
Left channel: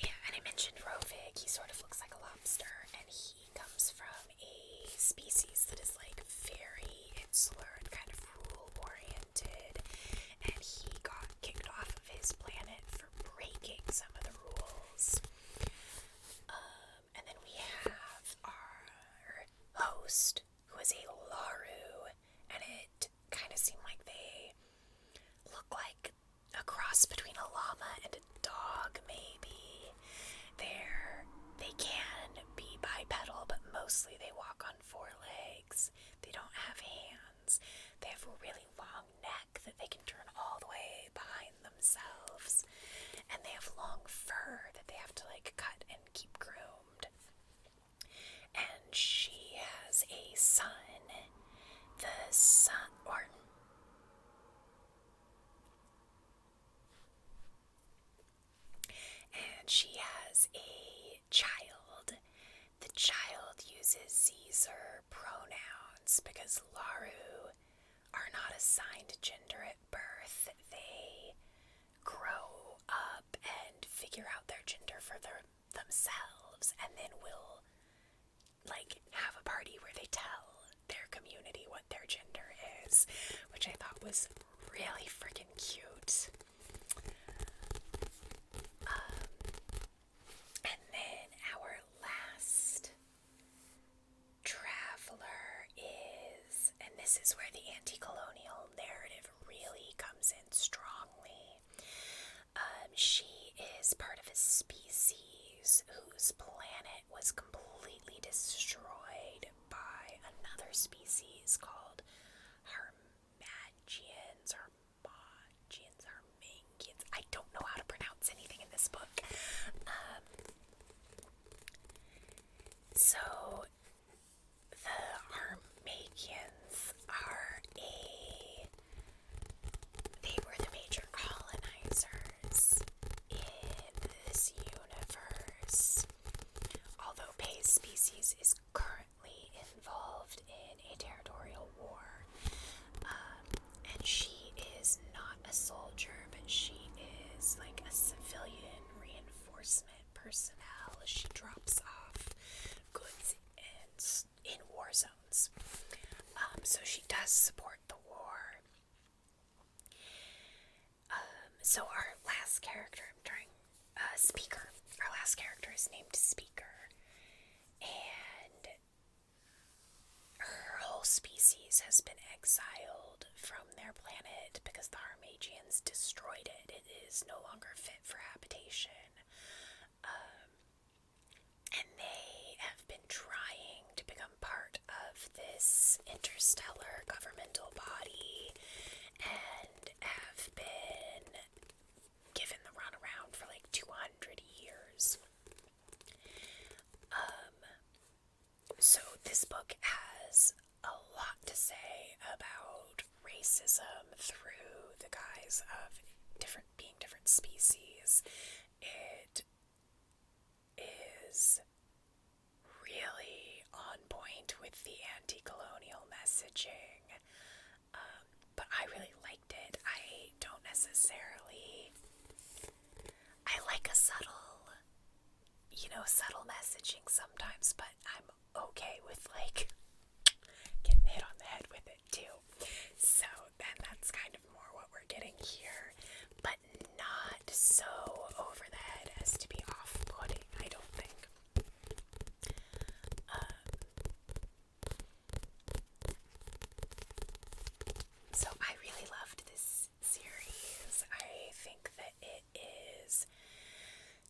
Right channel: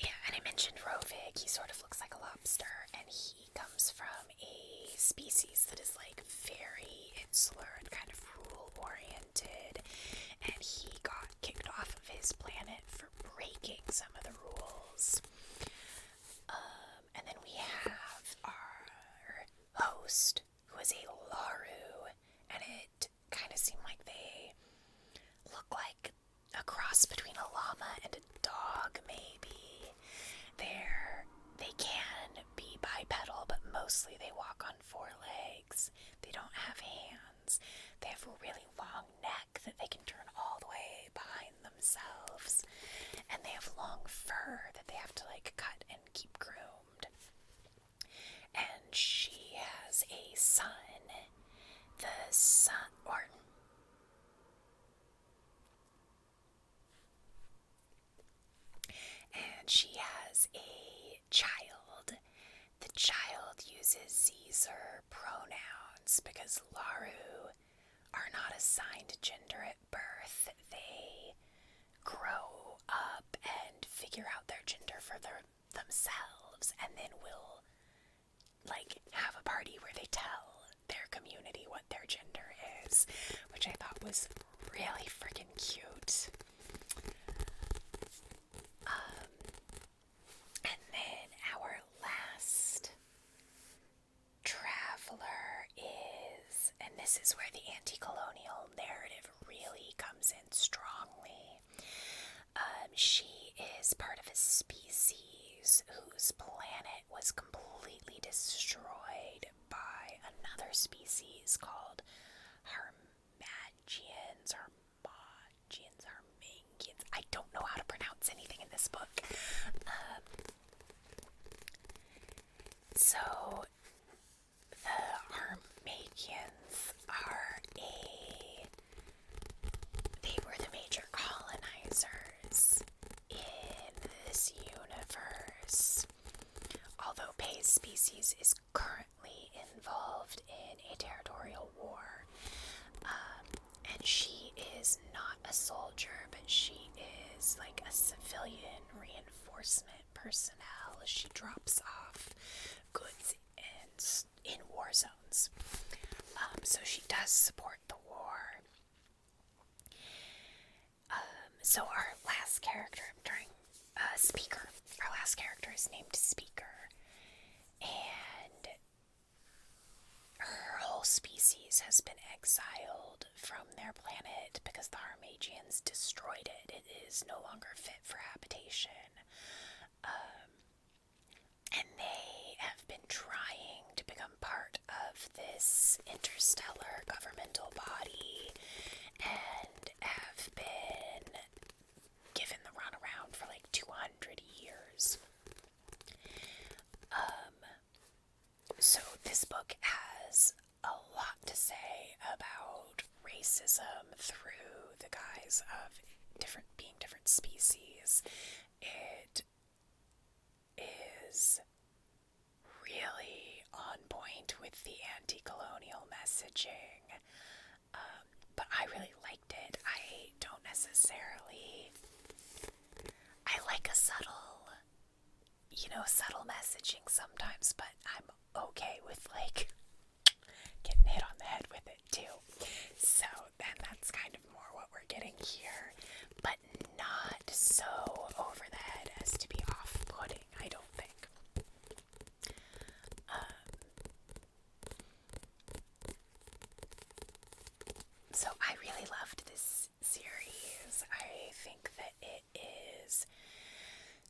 and I mentioned Rovig. He sort of looks like a lobster, and he comes from a species that is like very insular and kind of rule oriented, and he got kicked off of his planet for breaking some of the rules. And then we have our host, who is a Laru, and it kind of seemed like they uses Caesar pronouns because Laru are not assigned gender at birth. They grow up and figure out their gender for themselves, and then will have a party where they tell their community what their gender is, which I thought was really freaking cute. And then our last traveler is, and this is where the anti-colonial narrative really comes in strongly. She is part of a species whose planet was completely destroyed by another species called Harmagians, Harmangians. I don't know how to pronounce anything in this book. So the Harmagians they were the major colonizers in this universe. Although Pei's species is currently involved in a territorial war, and she is not a soldier, but she is like a civilian reinforcement personnel. She drops off goods in war zones. So she does support the war. So our last character, Speaker. Our last character is named Speaker, and her whole species has been exiled from their planet because the Harmagians destroyed it. It is no longer fit for habitation. And they have been trying to become part of this interstellar governmental body and have been given the runaround for 200 years. So this book has a lot to say about racism through the guise of being different species. It is really on point with the anti-colonial messaging, but I really liked it. I don't necessarily, I like a subtle messaging sometimes, but I'm okay with getting hit on the head with it too. So then that's kind of more what we're getting here, but not so over the head as to be off-putting, I don't think. So I really loved this series. I think that it is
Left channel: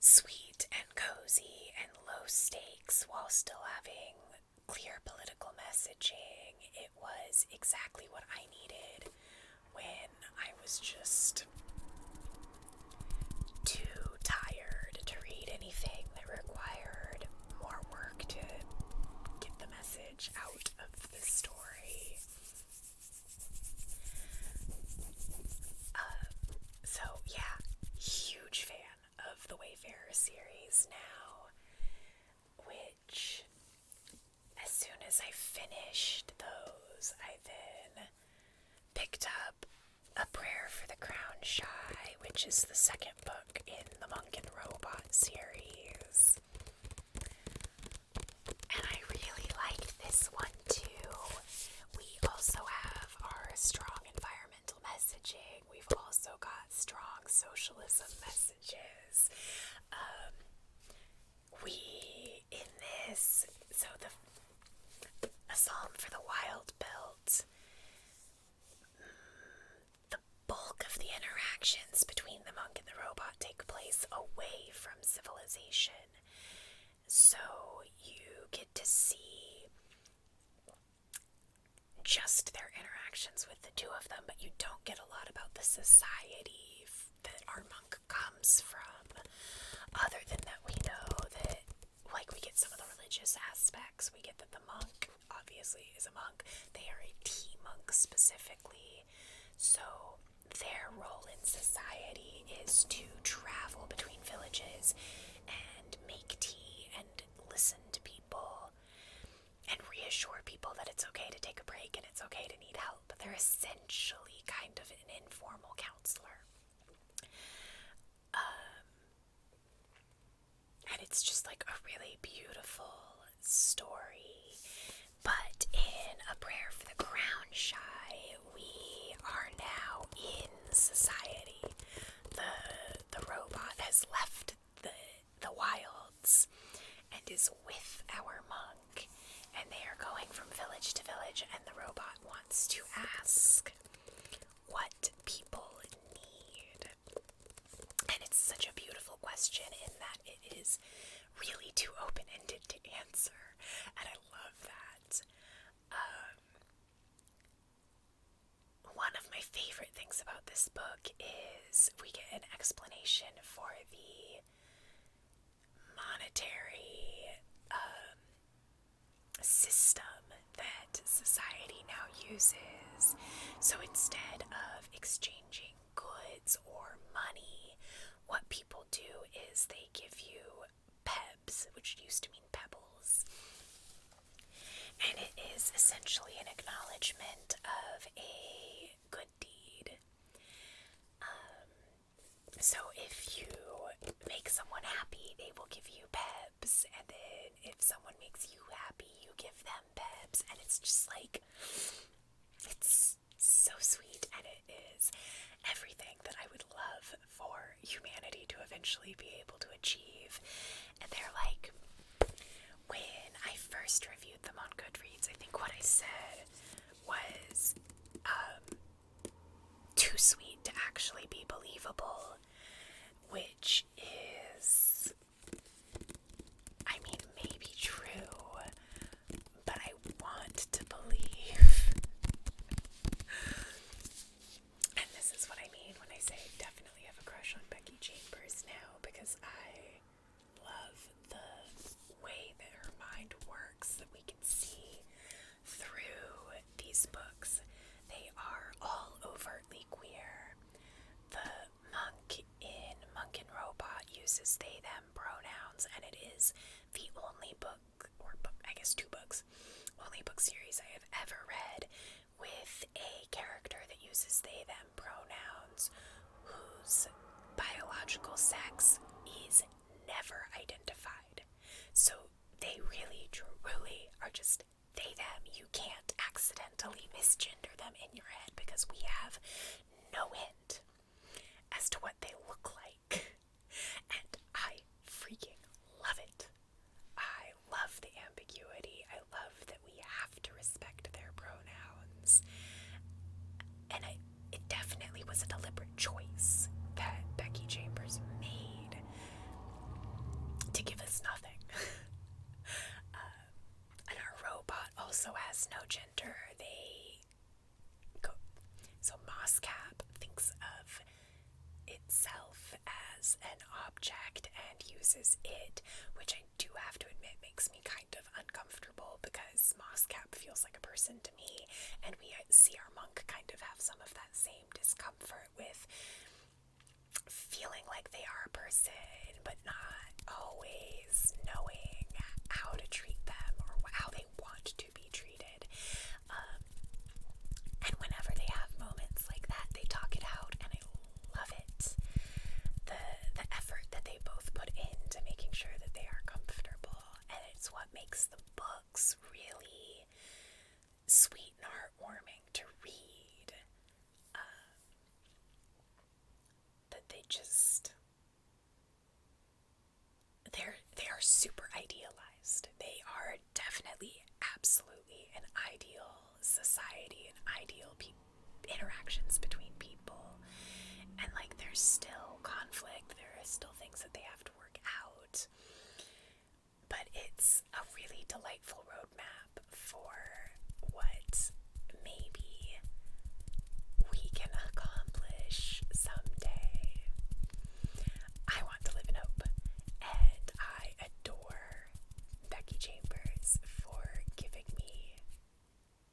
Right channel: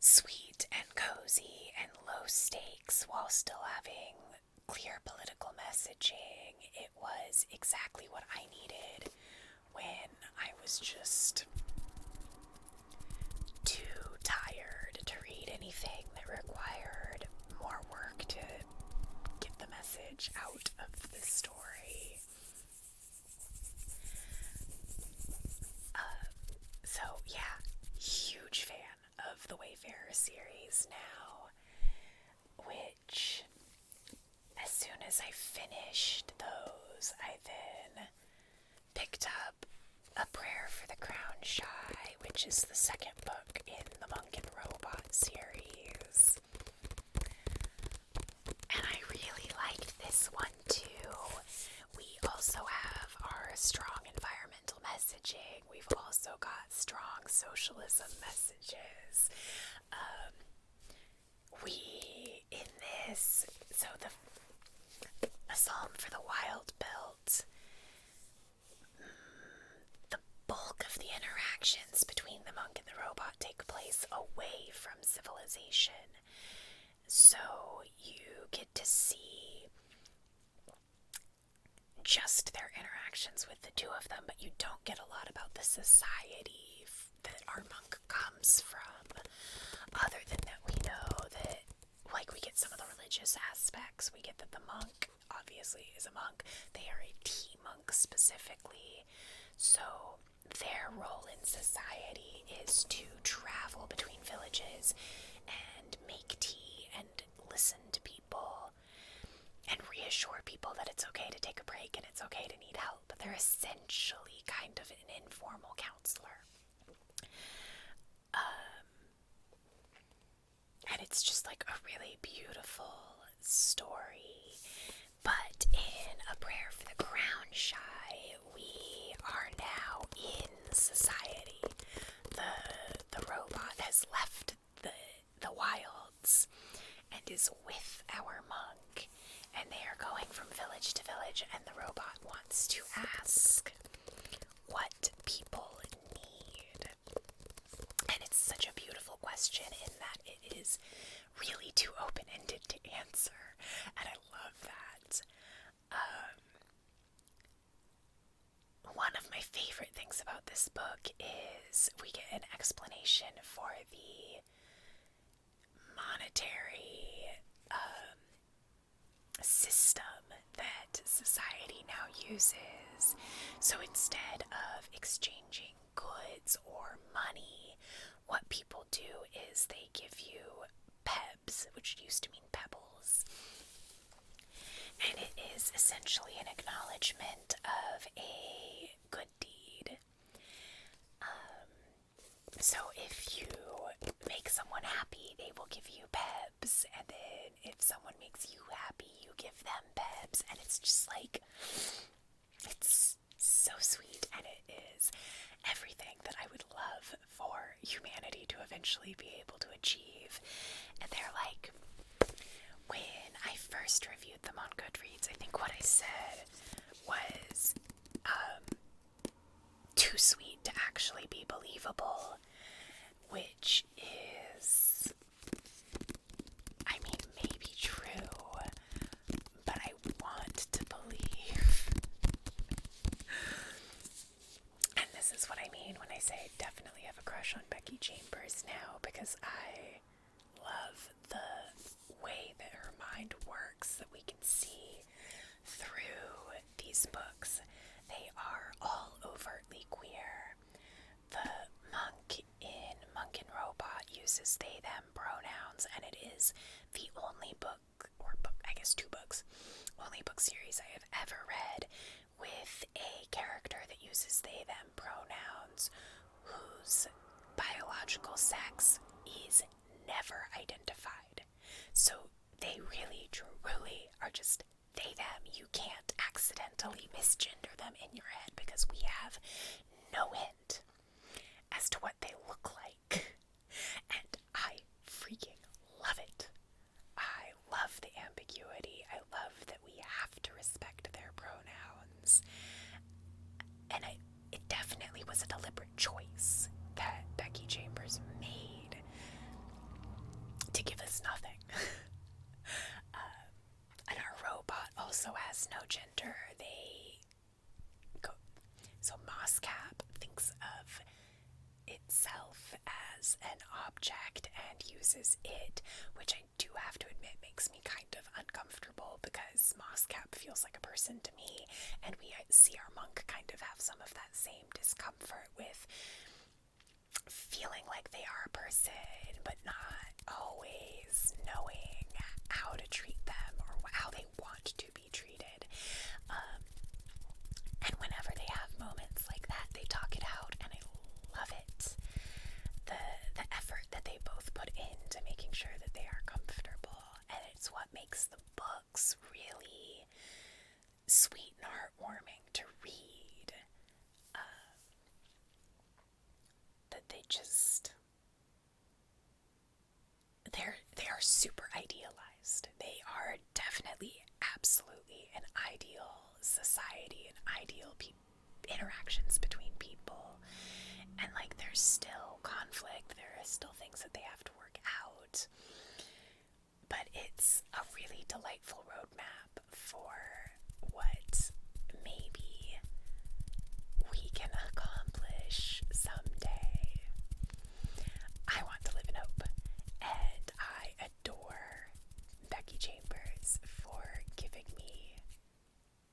sweet and cozy and low stakes while still having clear political messaging. It was exactly what I needed when I was just too tired to read anything that required more work to get the message out of the story. So yeah, huge fan of the Wayfarer series now, which as soon as I finished those, I then picked up A Prayer for the Crown Shy, which is the second book in the Monk and Robot series. And I really liked this one too. We also have our strong environmental messaging. We've also got strong socialism messages. A Psalm for the Wild Built, the bulk of the interactions between the monk and the robot take place away from civilization. So you get to see just their interactions with the two of them, but you don't get a lot about the society that our monk comes from, other than that we know that, we get some of the religious aspects. We get that the monk, obviously, is a monk. They are a tea monk specifically, so their role in society is to travel between villages and make tea and listen to people. really beautiful story. But in A Prayer for the Ground Shy, we are now in society. The robot has left the wilds and is with our monk, and they are going from village to village, and the robot wants to ask what people need. And it's such a beautiful question in that it is really too open-ended to answer, and I love that. One of my favorite things about this book is we get an explanation for the monetary system that society now uses. So instead of exchanging goods or money, what people do is they give you pebs, which used to mean pebbles. And it is essentially an acknowledgement of a good deed. So if you make someone happy, they will give you pebs, and then if someone makes you happy, you give them pebs, and it's just like, it's so sweet, and it is everything that I would love for humanity to eventually be able to achieve. And they're like, when I first reviewed them on Goodreads, I think what I said was too sweet to actually be believable, which is, I mean, maybe true, but I want to believe. And this is what I mean when I say I definitely have a crush on Becky Chambers now, because I love the way that her mind works, that we can see through these books. They are all overtly queer. The monk in Monk and Robot uses they them pronouns, and it is the only book, or I guess two books, only book series I have ever read with a character that uses they them pronouns whose biological sex is never identified. So they really, truly are just they them. You can't accidentally misgender them in your head because we have no hint as to what they look like. And I freaking love it. I love the ambiguity. I love that we have to respect their pronouns. And it definitely was a deliberate choice that Becky Chambers made to give us nothing. And our robot also has no gender. So Moscap thinks of itself as an object and uses it, which I do have to admit makes me kind of uncomfortable, because Moscap feels like a person to me, and we see our monk kind of have some of that same discomfort with feeling like they are a person, but not always knowing how to treat them or how they want to be treated. And whenever they have moments like that, they talk it out, and I love it. The effort that they both put into making sure that they are comfortable, and it's what makes the books really sweet and heartwarming to read. That they are super idealized. They are definitely, absolutely an ideal society, and ideal interactions between people. And like, there's still conflict, there are still things that they have to work out, but it's a really delightful roadmap for what maybe we can accomplish someday. I want to live in hope, and I adore Becky Chambers for giving me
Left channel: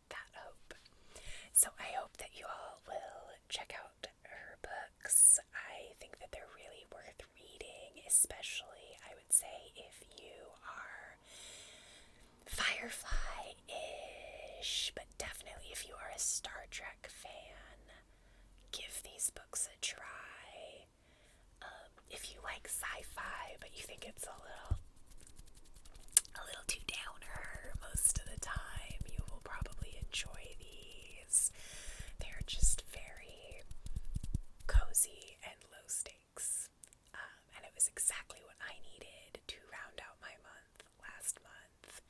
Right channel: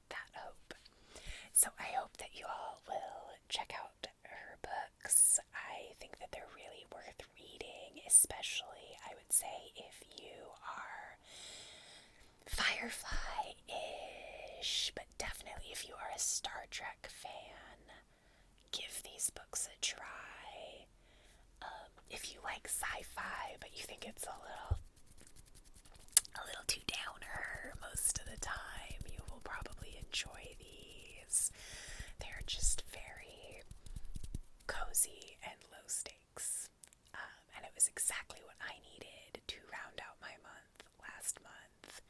that hope. So I hope that you all will check out her books. I think that they're really worth reading, especially, I would say, if you are Firefly-ish, but definitely if you are a Star Trek fan, give these books a try. If you like sci-fi, but you think it's a little enjoy these. They're just very cozy and low stakes. And it was exactly what I needed to round out my month last month.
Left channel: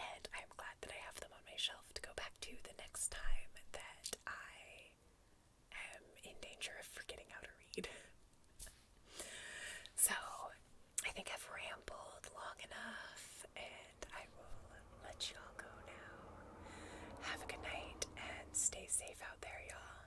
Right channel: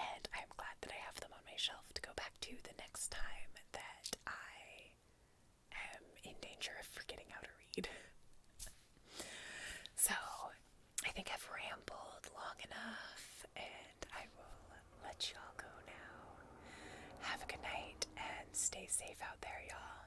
And I'm glad that I have them on my shelf to go back to the next time that I am in danger of forgetting how to read. So, I think I've rambled long enough, and I will let you all go now. Have a good night, and stay safe out there, y'all.